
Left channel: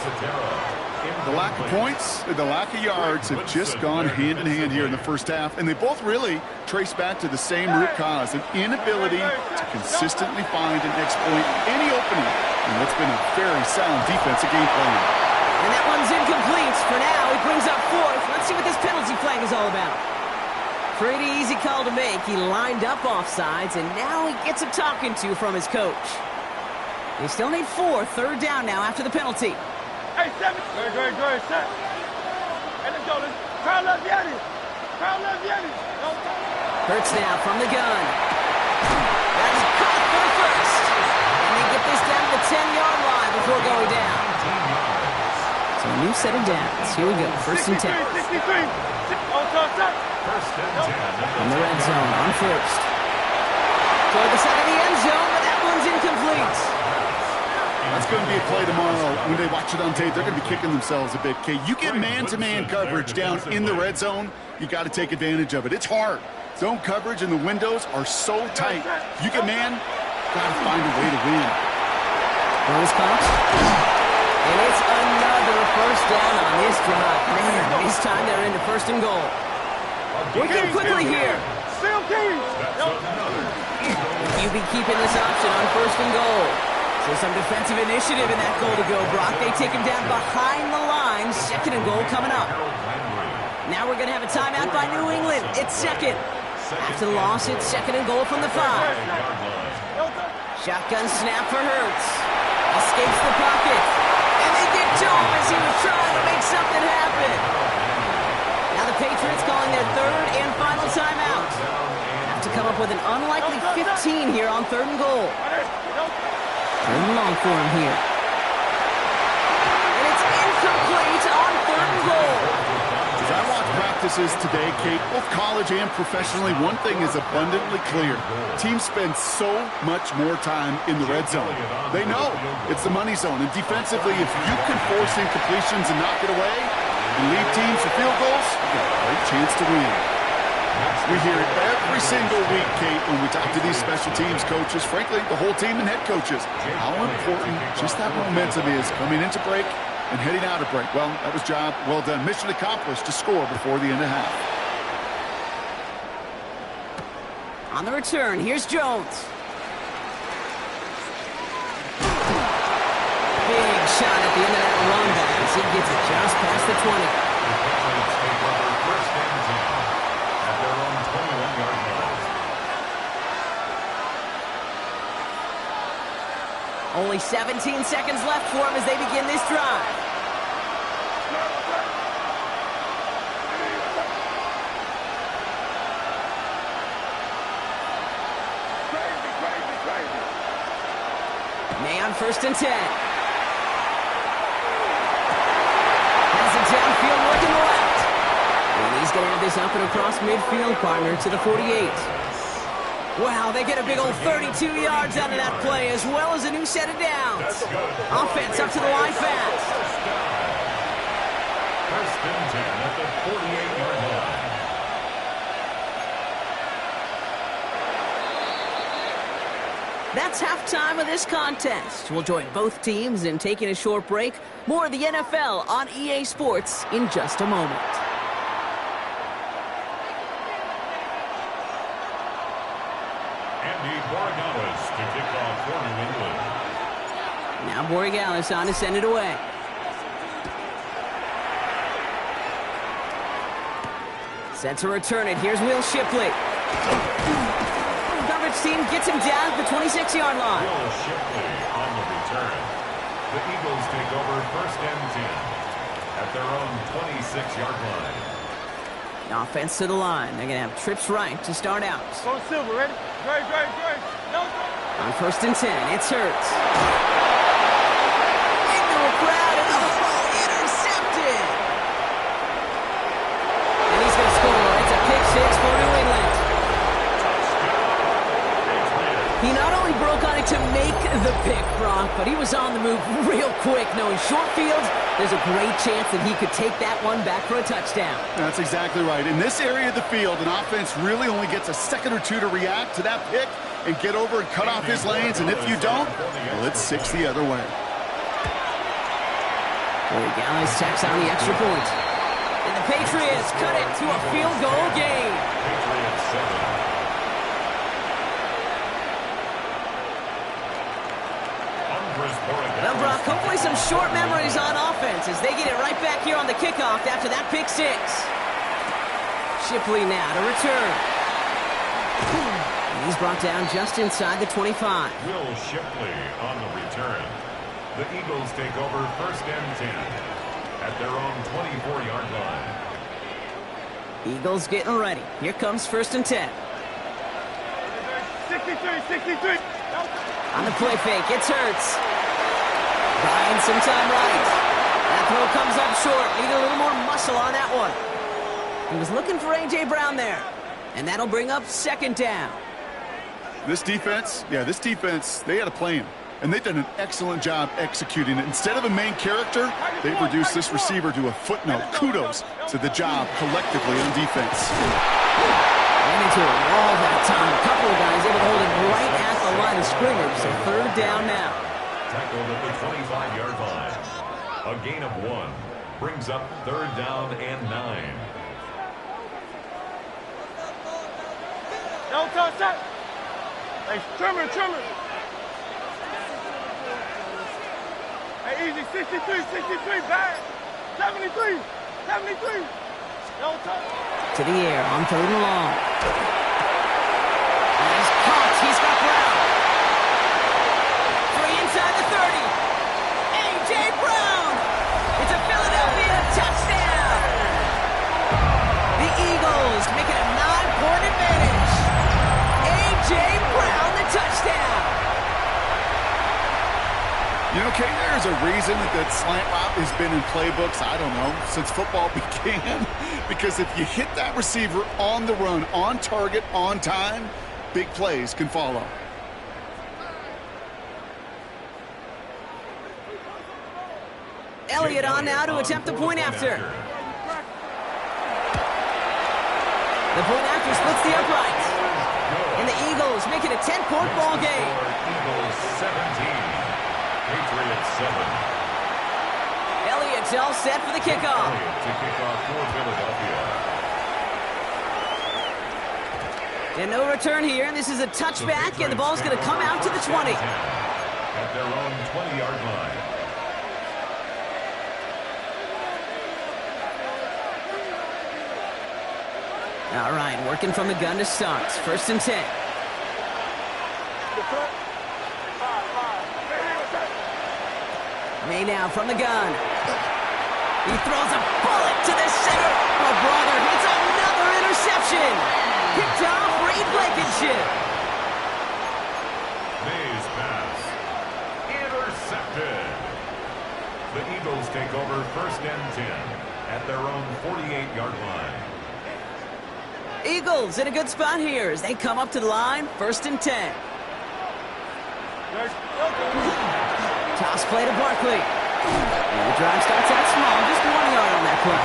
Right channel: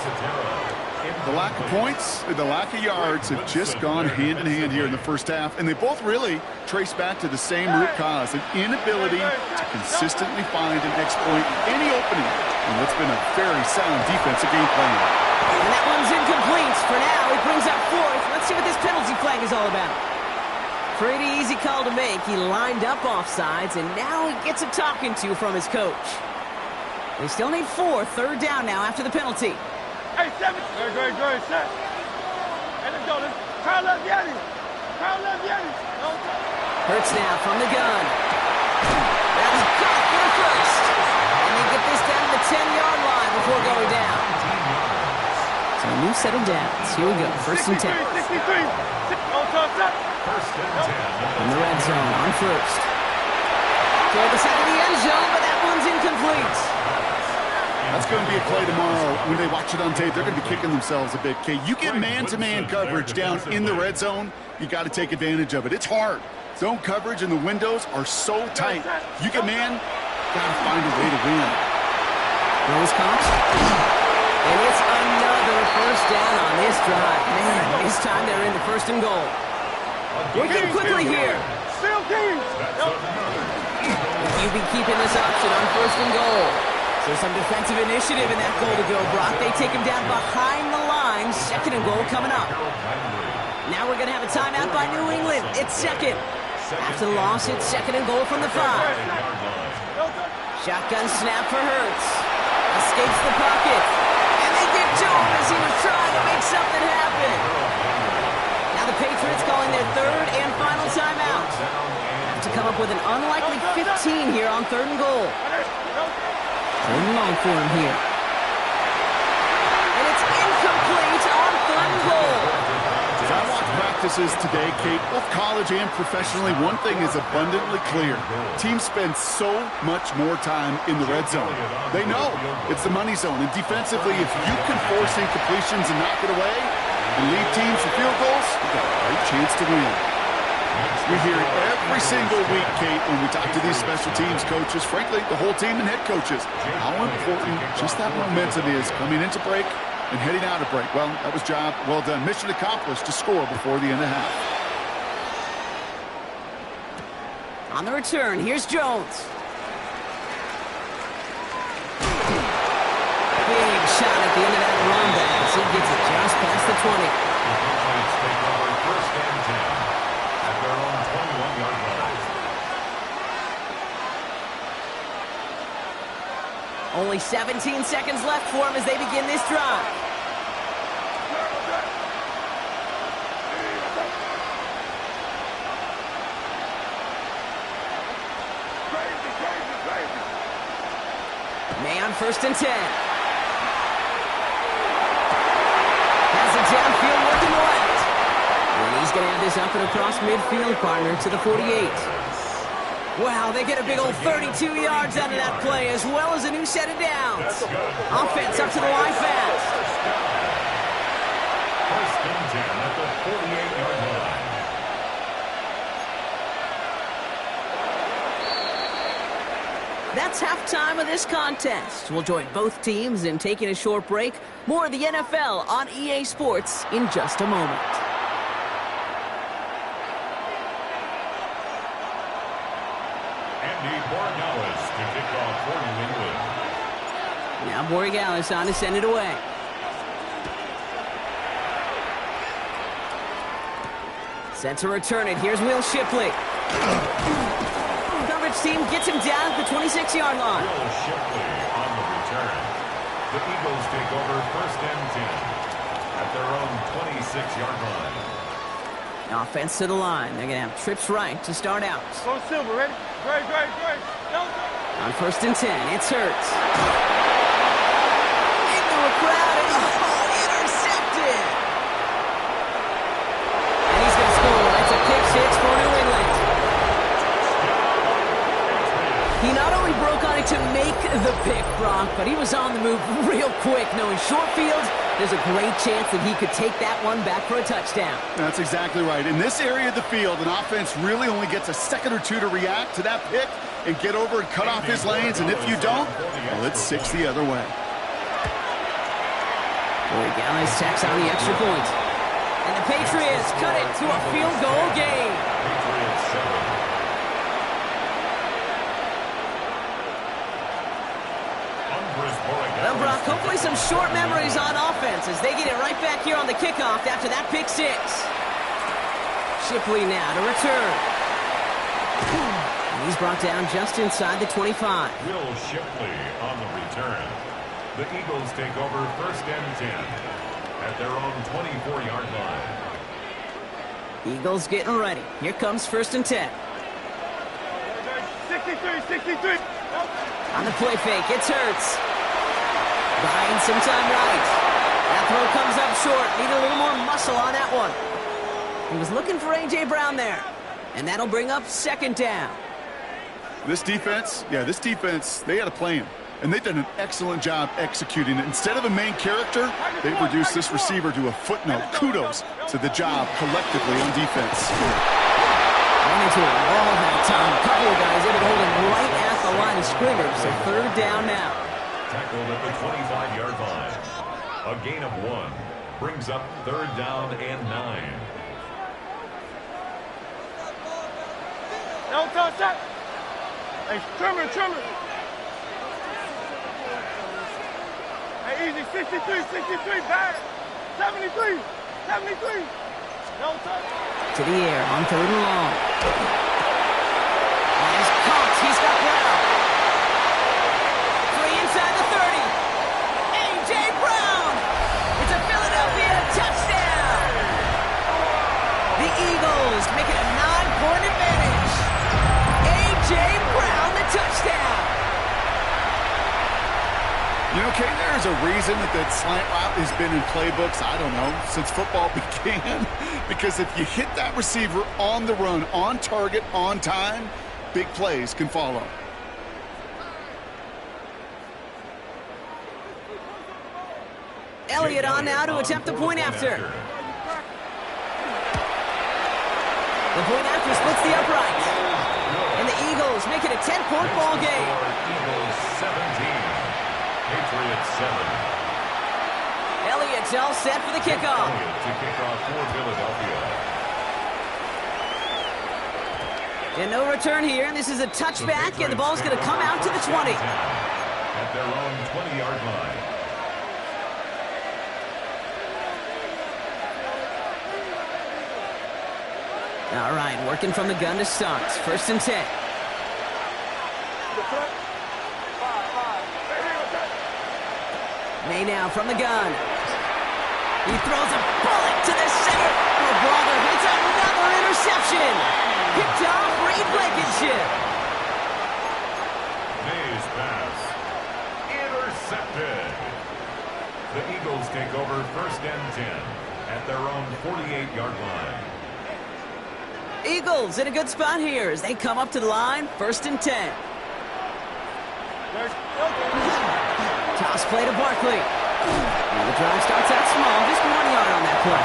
The lack of points and the lack of yards have just gone hand in hand here in the first half, and they both really trace back to the same root cause, an inability to consistently find and exploit any opening in what's been a very sound defensive game plan. And that one's incomplete. For now, he brings up 4th. Let's see what this penalty flag is all about. Pretty easy call to make. He lined up offsides, and now he gets a talking to from his coach. They still need 4. 3rd down now after the penalty. Hey, 7. Go ahead, set. Hey, let's go. Crowd left Yanni. Hurts now from the gun. That's caught for the first. And they get this down to the 10-yard line before going down. So a new set of downs. Here we go. 1st and 10. 63. First and 10. In the red zone on 1st. Toward the side of the end zone, but that one's incomplete. That's going to be a play tomorrow. When they watch it on tape, they're going to be kicking themselves a bit. Okay, you get man-to-man coverage down in the red zone, you got to take advantage of it. It's hard. Zone coverage and the windows are so tight. You get man, got to find a way to win. Throws caught. And it's another 1st down on this drive. Man, this time they're into 1st and goal. Working quickly here. You be keeping this option on 1st and goal. So some defensive initiative in that goal to go, Brock. They take him down behind the line. 2nd and goal coming up. Now we're going to have a timeout by New England. It's 2nd. After the loss, it's 2nd and goal from the 5. Shotgun snap for Hurts. Escapes the pocket. And they get to him as he was trying to make something happen. Now the Patriots calling their 3rd and final timeout. Have to come up with an unlikely 15 here on 3rd and goal. 3rd and long for him here. And it's incomplete on 3rd and goal. As I watch practices today, Kate, both college and professionally, one thing is abundantly clear. Teams spend so much more time in the red zone. They know it's the money zone. And defensively, if you can force incompletions and knock it away and lead teams for field goals, you've got a great chance to win. We hear it every single week, Kate, when we talk to these special teams coaches, frankly, the whole team and head coaches, how important just that momentum is coming into break and heading out of break. Well, that was job well done. Mission accomplished to score before the end of half. On the return, here's Jones. Big shot at the end of that run back as he gets it just past the 20. The Patriots take over 1st and 10 at their own 21-yard line. Only 17 seconds left for him as they begin this drive. May on 1st and 10. Has it downfield working left. And he's going to have this up and across midfield, partner, to the 48. Wow, they get a big old 32 yards out of that play, as well as a new set of downs. Offense up to the line fast. 1st and 10 at the 48-yard line. That's halftime of this contest. We'll join both teams in taking a short break. More of the NFL on EA Sports in just a moment. Andy Borregales to kick off for New England. Now Borregales on to send it away. Set to return it. Here's Will Shipley. Coverage team gets him down at the 26-yard line. Will Shipley on the return. The Eagles take over 1st and 10 at their own 26-yard line. Offense to the line. They're going to have trips right to start out. Go Silver, ready? Great. On 1st and 10, it's Hurts. Into a crowd and intercepted. And he's going to score. It's a pick 6 for New England. He not only broke on it to make the pick, Brock, but he was on the move real quick, knowing short field, there's a great chance that he could take that one back for a touchdown. That's exactly right. In this area of the field, an offense really only gets a second or two to react to that pick and get over and cut off his lanes, and if you don't, well, it's 6 the other way. Corey Gallis tacks on the extra point. And the Patriots cut it to a field goal game. Patriots 7. Well, Brock, hopefully some short memories on offense as they get it right back here on the kickoff after that pick 6. Shipley now to return. And he's brought down just inside the 25. Will Shipley on the return. The Eagles take over 1st and 10 at their own 24-yard line. Eagles getting ready. Here comes 1st and 10. 63. On the play fake, it's Hurts. Buying some time right. That throw comes up short. Needed a little more muscle on that one. He was looking for A.J. Brown there. And that'll bring up 2nd down. This defense, they had a plan. And they've done an excellent job executing it. Instead of a main character, they've reduced this receiver to a footnote. Kudos to the job collectively on defense. Ran into a wall that time. A couple of guys able to hold him right at the line of scrimmage. So 3rd down now. Tackled at the 25-yard line. A gain of 1 brings up 3rd down and 9. No touch that. Hey, trimmer. Hey, easy. 63, bad. 73. No touch. To the air on 3rd and long. And he's caught. He's got Brown. Free inside the 30. A.J. Brown. It's a Philadelphia touchdown. The Eagles make it a 9-point advantage. A.J. Brown, the touchdown. You know, Kate, there's a reason that slant route has been in playbooks, I don't know, since football began. Because if you hit that receiver on the run, on target, on time, big plays can follow. Elliott on now to attempt the point after. The point after splits the upright. And the Eagles make it a 10-point ball game. Eagles 17. Patriots 7. Elliott's all set for the kickoff. Elliott to kick off for Philadelphia. And no return here. This is a touchback, and the ball's going to come out to the 20. At their own 20-yard line. All right, working from the gun to start. 1st and 10. May now from the gun. He throws a bullet to the center. Oh, brother, it's another interception. Picked off Reed Blankenship. May's pass. Intercepted. The Eagles take over 1st and 10 at their own 48-yard line. Eagles in a good spot here as they come up to the line. 1st and 10. Toss play to Barkley. And the drive starts out small, just 1 yard on that play.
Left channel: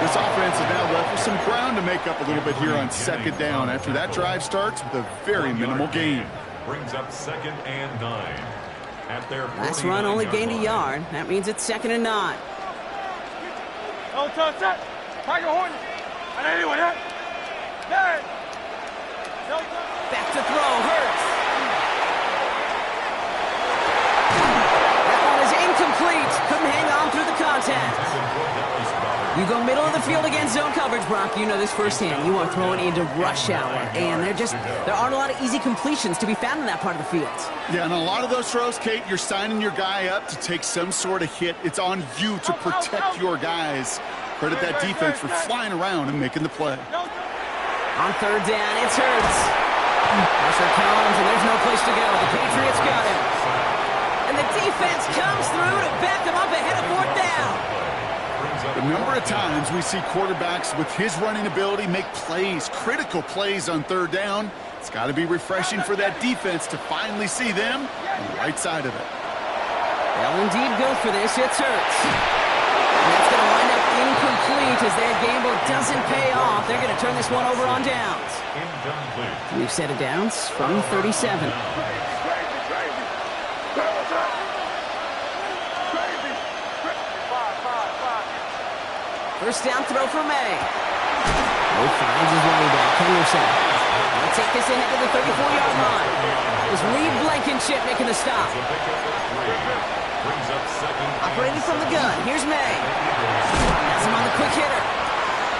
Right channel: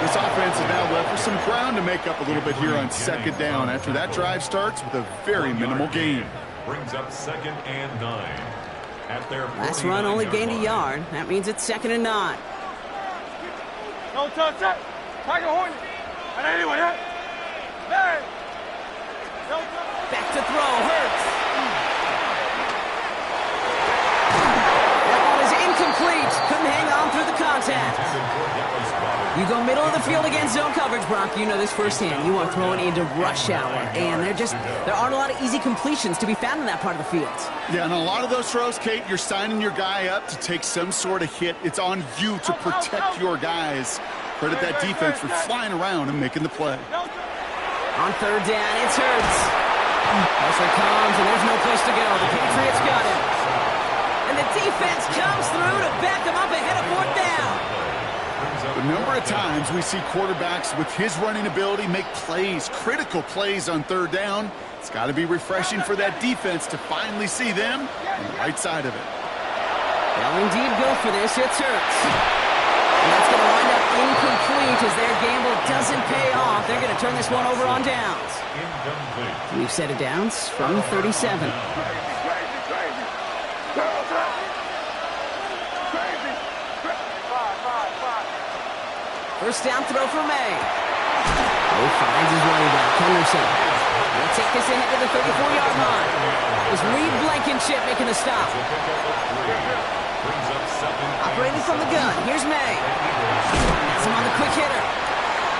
This offense is now left with some ground to make up a little bit here on 2nd down after that drive starts with a very minimal gain. Brings up 2nd and 9. At their Last run only gained a yard. That means it's 2nd and 9. No touch that. Tiger Hornet. And anyway, that. Man. No touch. Back to throw. Hurts. That one is incomplete. Couldn't hang on through the contact. You go middle of the field against zone coverage, Brock. You know this firsthand. You are throwing into rush hour, and there aren't a lot of easy completions to be found in that part of the field. Yeah, and a lot of those throws, Kate, you're signing your guy up to take some sort of hit. It's on you to protect your guys. Credit that defense for flying around and making the play. On third down, it's Hurts. Pressure comes, and there's no place to go. The Patriots got him. And the defense comes through to back him up ahead of fourth down. The number of times we see quarterbacks with his running ability make plays, critical plays on third down. It's got to be refreshing for that defense to finally see them on the right side of it. They'll indeed go for this. It's Hurts. And that's going to wind up incomplete as their gamble doesn't pay off. They're going to turn this one over on downs. We've set it downs from 37. First down throw for May. Oh, finds his running back, Henderson. They'll take this ahead to the 34-yard line. It was Reed Blankenship making the stop. Operating from the gun, here's May. That's him on the quick hitter.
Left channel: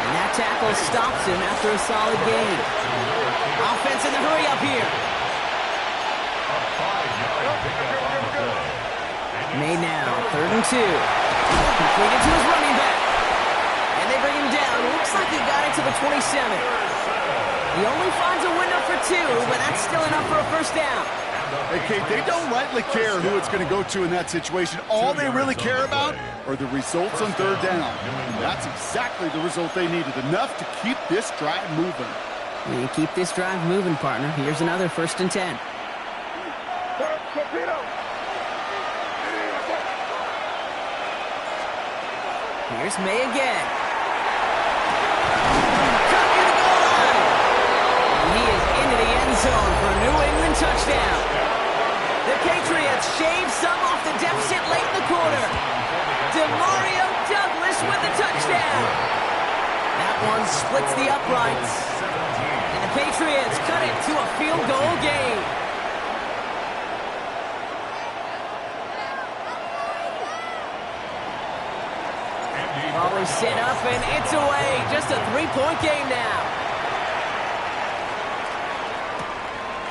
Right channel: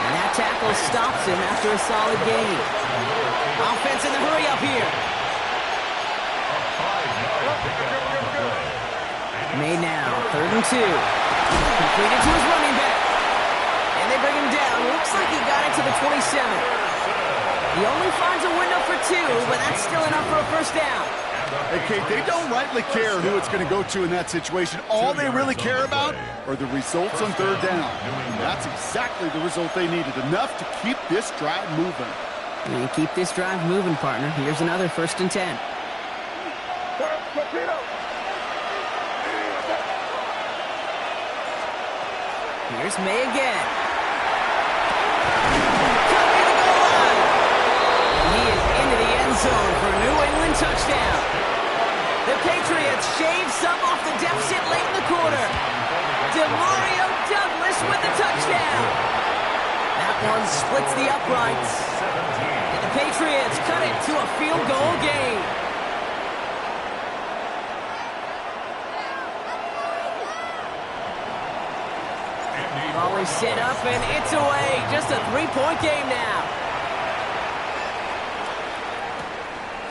And that tackle stops him after a solid gain. Offense in the hurry up here. May now, 3rd and 2. Completed to his running back. And they bring him down. Looks like he got it to the 27. He only finds a window for 2, but that's still enough for a first down. Hey, Kate, they don't rightly care who it's going to go to in that situation. All they really care about are the results on third down. And that's exactly the result they needed. Enough to keep this drive moving. And keep this drive moving, partner. Here's another 1st and 10. Here's May again. Cut near the goal line. And he is into the end zone for a New England touchdown. The Patriots shave some off the deficit late in the quarter. DeMario Douglas with the touchdown. That one splits the uprights. And the Patriots cut it to a field goal game. Ball is set up, and it's away. Just a 3-point game now.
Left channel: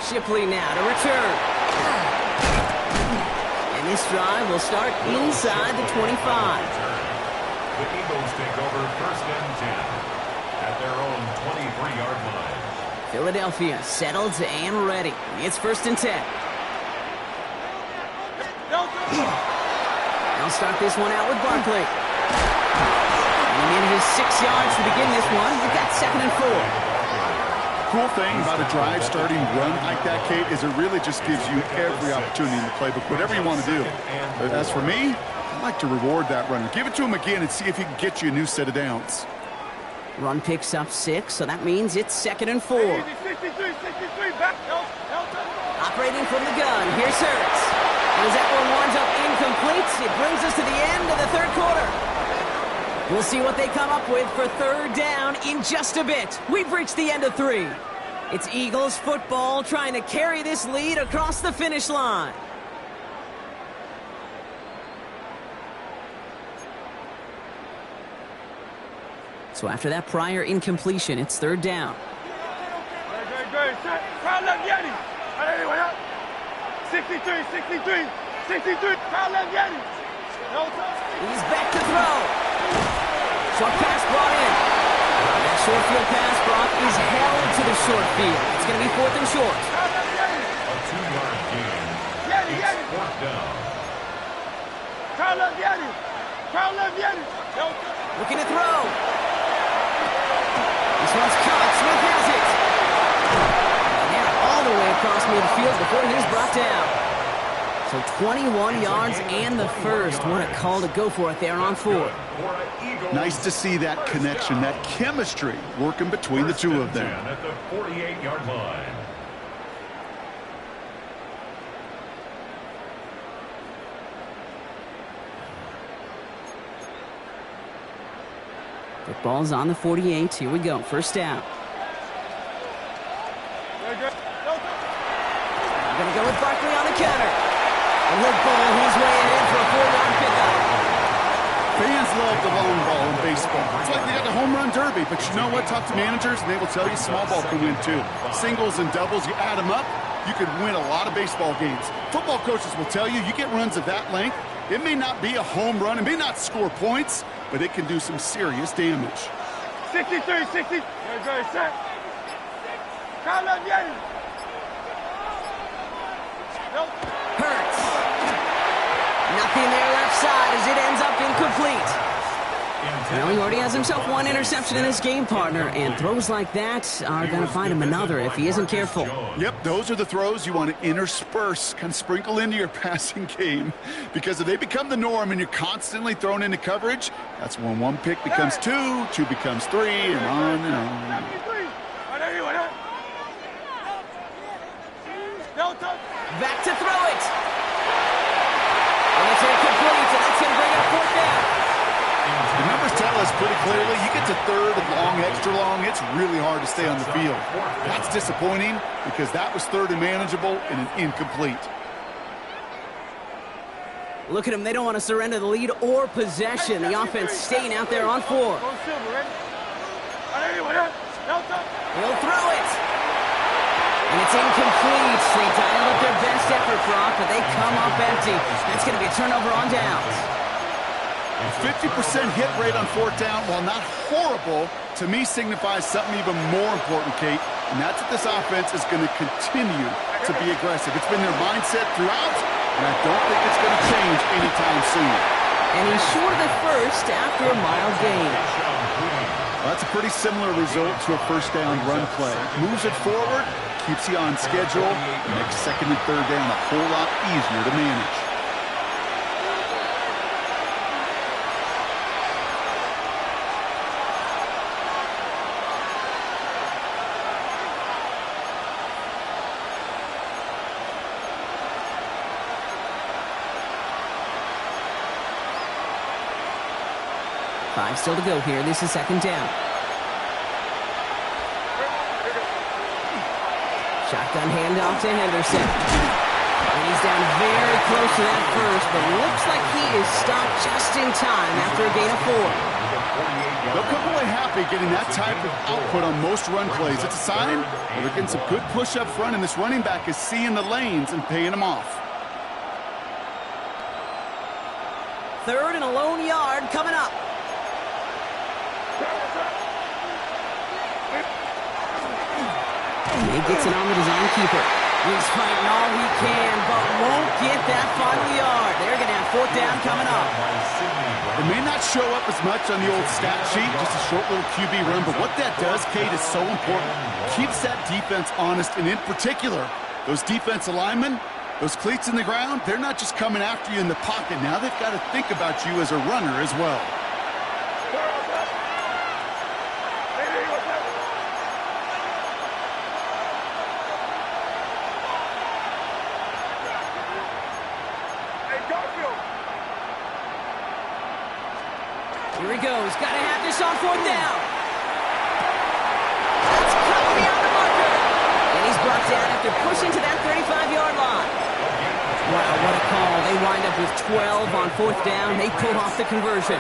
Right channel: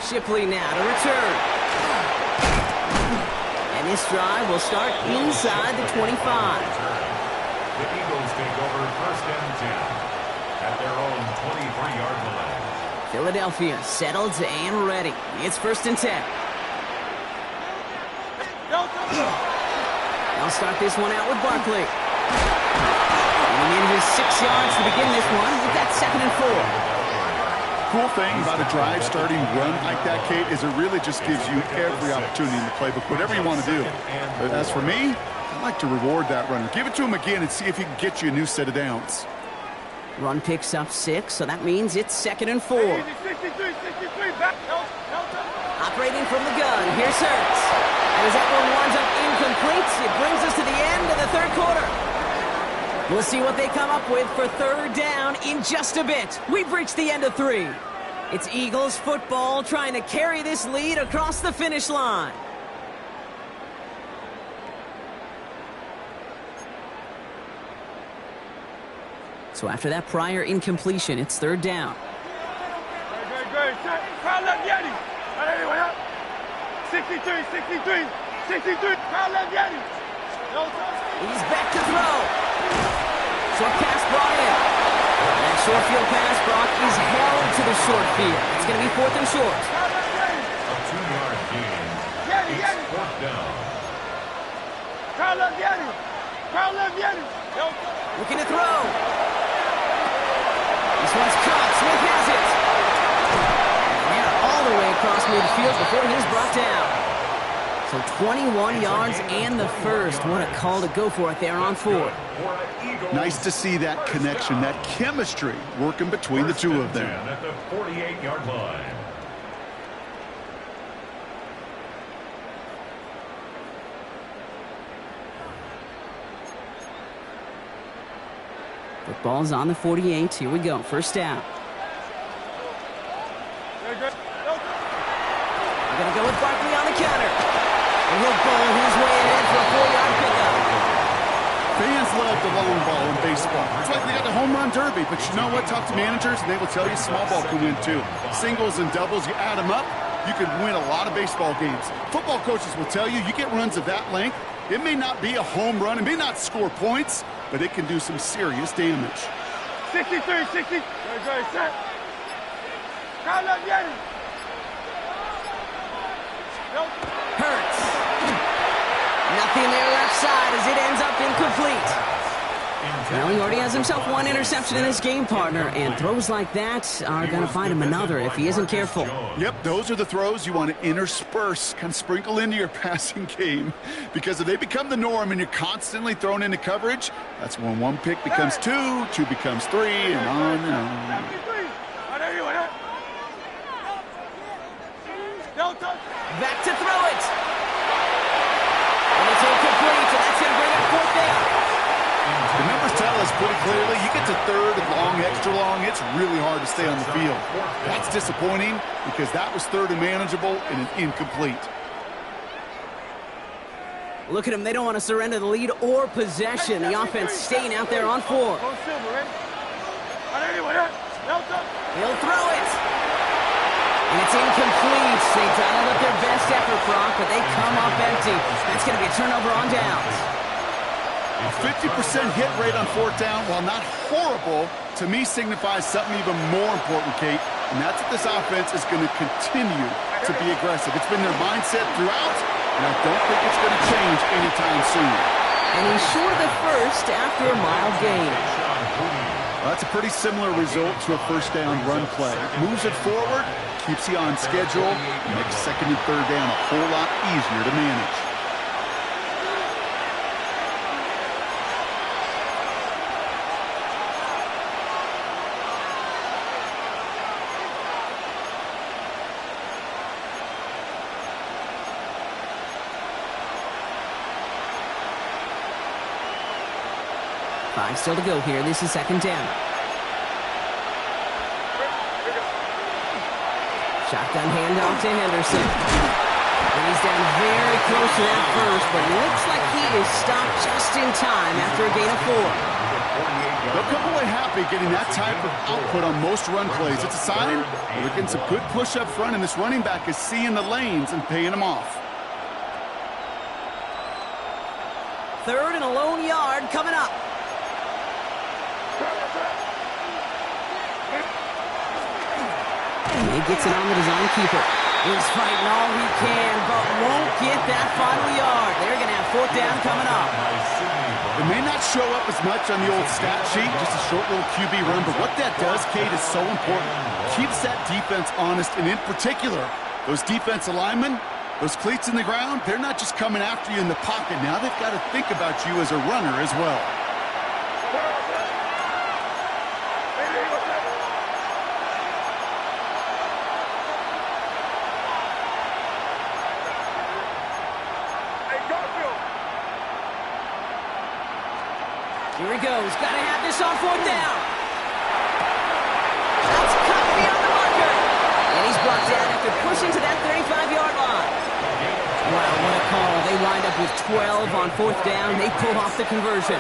Shipley now to return. And this drive will start inside the 25. The Eagles take over 1st and 10 at their own 23-yard line. Philadelphia settled and ready. It's 1st and 10. They'll start this one out with Barkley. And he manages 6 yards to begin this one. We've got 2nd and 4. Cool thing about a drive starting run like that, Kate, is it really just gives you every opportunity in the playbook, whatever you want to do. But as for me, I like to reward that runner. Give it to him again and see if he can get you a new set of downs. Run picks up 6, so that means it's 2nd and 4. Operating from the gun, here's Hurts. And as that one winds up incomplete, it brings us to the end of the 3rd quarter. We'll see what they come up with for 3rd down in just a bit. We've reached the end of 3. It's Eagles football trying to carry this lead across the finish line. So after that prior incompletion, it's 3rd down. Good. Crowd left Yeti. 63. Crowd left Yeti. He's back to throw. Short pass brought in. And that short field pass, Brock, is held to the short field. It's going to be 4th and short. A 2-yard gain. It's 4th down. Crowd left Yeti. Looking to throw. This one's caught. Smith has it. And they're all the way across midfield before he's brought down. So 21 yards and the first. What a call to go for it there on 4. Nice to see that connection, that chemistry working between the two of them. At the 48-yard line. Football's on the 48. Here we go. First down. We're going to go with Barkley on the counter. And he'll bowl his way ahead for a 4-yard pickup. Fans love the long ball in baseball. It's like they got the home run derby. But you know what? Talk to managers, and they will tell you small ball can win too. Singles and doubles, you add them up, you could win a lot of baseball games. Football coaches will tell you, you get runs of that length, it may not be a home run, it may not score points, but it can do some serious damage. 63, 60. Good, set. Count up, get it. Hurts. Nothing there left side as it ends up incomplete. Now he already has himself one interception in this game, partner, and throws like that are going to find him another if he isn't careful. Yep, those are the throws you want to intersperse, kind of sprinkle into your passing game, because if they become the norm and you're constantly thrown into coverage, that's when one pick becomes two, two becomes three, and on and on. Back to throw it. And it's incomplete, and that's going to bring up fourth down. The numbers tell us pretty clearly, you get to third and long, extra long, it's really hard to stay on the field. That's disappointing because that was third and manageable and an incomplete. Look at them. They don't want to surrender the lead or possession. The offense staying out there on four. He'll throw it. And it's incomplete. They dialed up their best effort, Brock, but they come up empty. That's going to be a turnover on downs. A 50% hit rate on fourth down, while not horrible, to me signifies something even more important, Kate, and that's that this offense is going to continue to be aggressive. It's been their mindset throughout, and I don't think it's going to change anytime soon. And he's short of the first after a mild gain. Well, that's a pretty similar result to a first down run play. Moves it forward, keeps you on schedule, and makes second and third down a whole lot easier to manage. Five still to go here. This is second down. Shotgun handoff to Henderson. And he's down very close to that first, but looks like he is stopped just in time after a gain of 4. They'll come away happy getting that type of output on most run plays. It's a sign that they're getting some good push up front, and this running back is seeing the lanes and paying them off. Third and a lone yard coming up. And he gets it on the design keeper. He's fighting all he can, but won't get that final yard. They're going to have fourth down coming up. It may not show up as much on the old stat sheet, just a short little QB run, but what that does, Kate, is so important. Keeps that defense honest, and in particular, those defensive linemen, those cleats in the ground, they're not just coming after you in the pocket. Now they've got to think about you as a runner as well. Here he goes. Got to have this on fourth down. That's cut beyond the marker. And he's brought down after pushing to that 35-yard line. Wow, what a call. They wind up with 12 on fourth down. They pull off the conversion.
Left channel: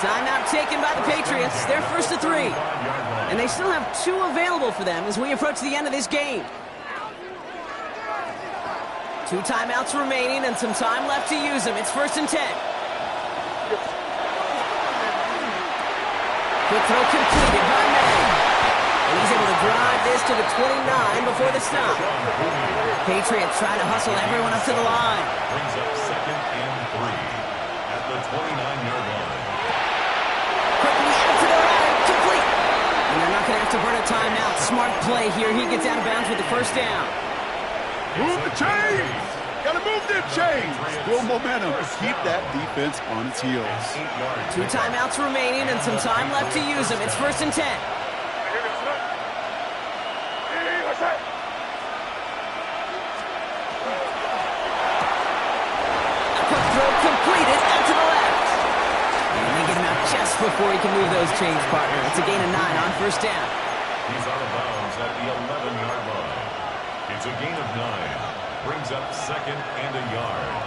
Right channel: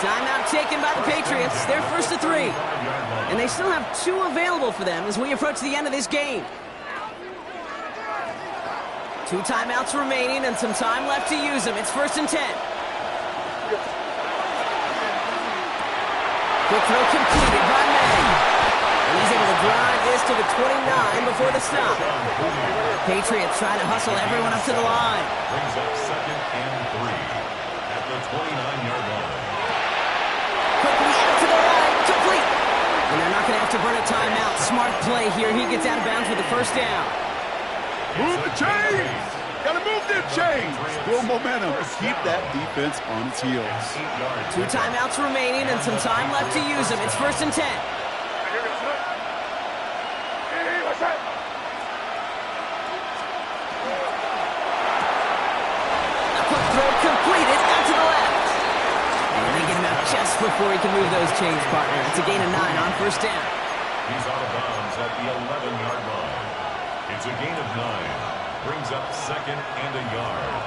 Timeout taken by the Patriots. They're first to 3. And they still have 2 available for them as we approach the end of this game. 2 timeouts remaining and some time left to use them. It's first and 10. Quick throw completed by May. And he's able to drive this to the 29 before the stop. Patriots trying to hustle everyone up to the line. Brings up second and 3 at the 29-yard line. Quickly out to the right, complete. And they're not going to have to burn a timeout. Smart play here. He gets out of bounds with the first down. Move the chains! Gotta move them chains! Build momentum. Keep that defense on its heels. 2 timeouts remaining and some time left to use them. It's first and 10. A quick throw completed out to the left. And they get him out just before he can move those chains, partner. It's a gain of 9 on first down. He's out of bounds at the 11-yard line. It's a gain of 9. Brings up second and a yard.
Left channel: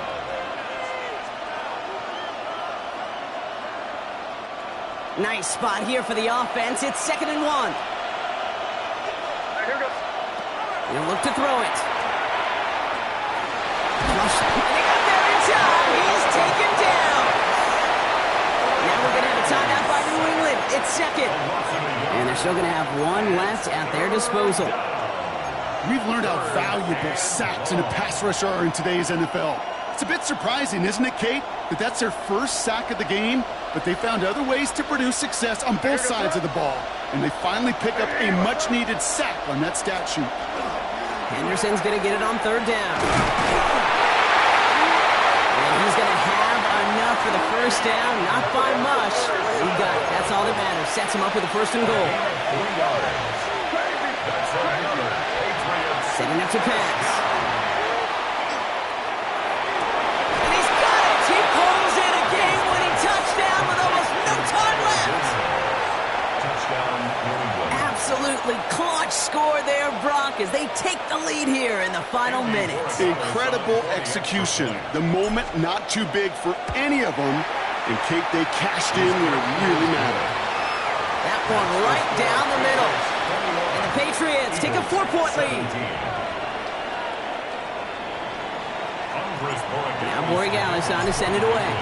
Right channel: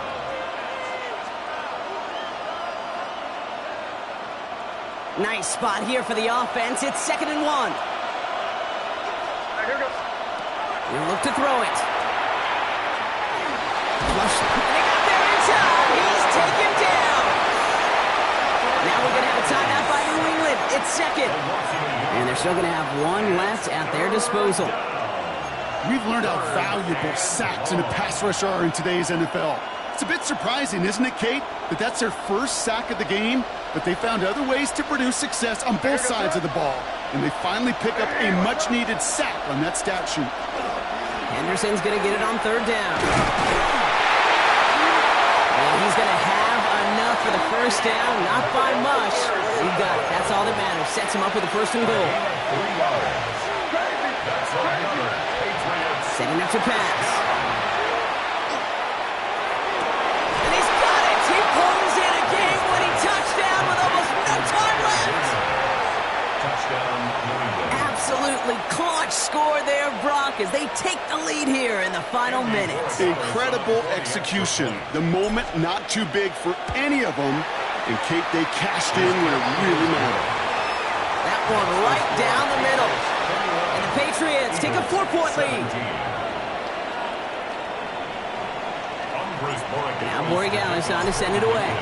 Nice spot here for the offense. It's 2nd and 1. He'll look to throw it. Flush. And they got there in time. He's taken down. Now we're going to have a timeout by New England. It's 2nd. And they're still going to have one left at their disposal. We've learned how valuable sacks in a pass rush are in today's NFL. It's a bit surprising, isn't it, Kate, that that's their first sack of the game, but they found other ways to produce success on both sides of the ball, and they finally pick up a much-needed sack on that stat sheet. Henderson's going to get it on 3rd down. And he's going to have enough for the first down, not by much. He got it. That's all that matters. Sets him up with a 1st and goal. Setting up to pass. And he's got it. He pulls in a game-winning touchdown with almost no time left. Touchdown, New England. Absolutely clutch score there, Brock, as they take the lead here in the final minutes. Incredible execution. The moment not too big for any of them. And, Kate, they cashed in when it really mattered. That one right down the middle. And the Patriots take a 4-point lead. Now Borregales on to send it away.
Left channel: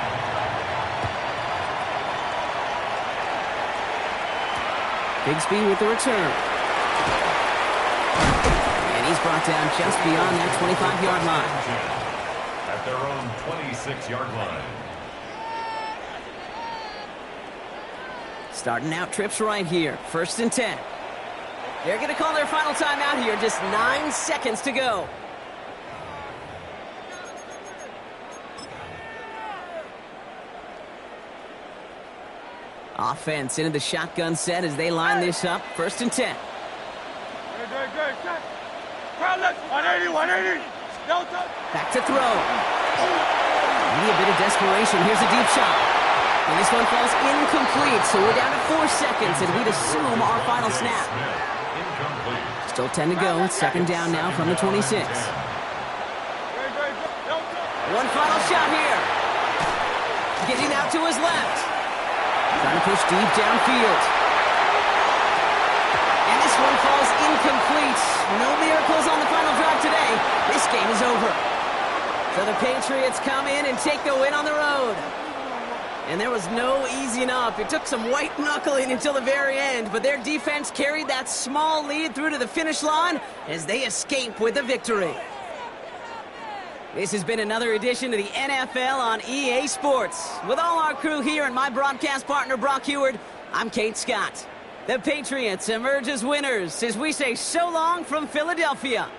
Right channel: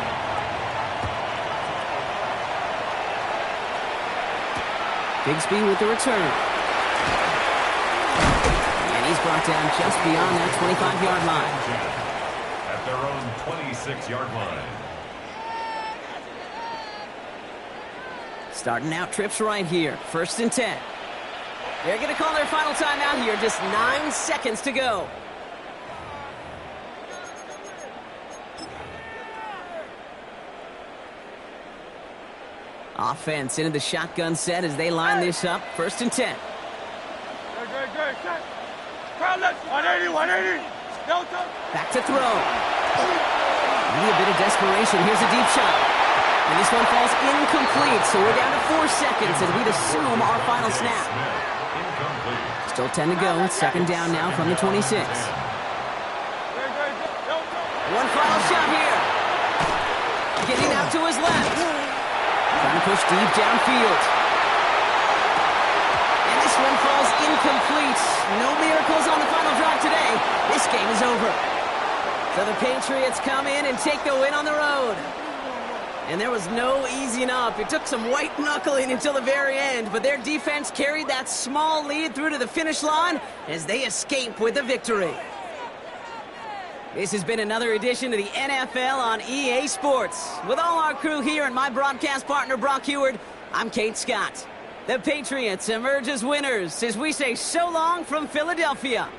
Bigsby with the return. And he's brought down just beyond that 25-yard line. At their own 26-yard line. Starting out trips right here. 1st and 10. They're going to call their final timeout here. Just 9 seconds to go. Offense into the shotgun set as they line this up. 1st and 10. Great. Crowd left. 180. No touch. Back to throw. Maybe a bit of desperation. Here's a deep shot. And this one falls incomplete, so we're down to 4 seconds, and we'd assume our final snap. Still 10 to go. 2nd down now from the 26. One final shot here. Getting out to his left. Trying to push deep downfield. And this one falls incomplete. No miracles on the final drive today. This game is over. So the Patriots come in and take the win on the road. And there was no easing up. It took some white knuckling until the very end, but their defense carried that small lead through to the finish line as they escape with the victory. This has been another edition of the NFL on EA Sports. With all our crew here and my broadcast partner, Brock Heward, I'm Kate Scott. The Patriots emerge as winners as we say so long from Philadelphia.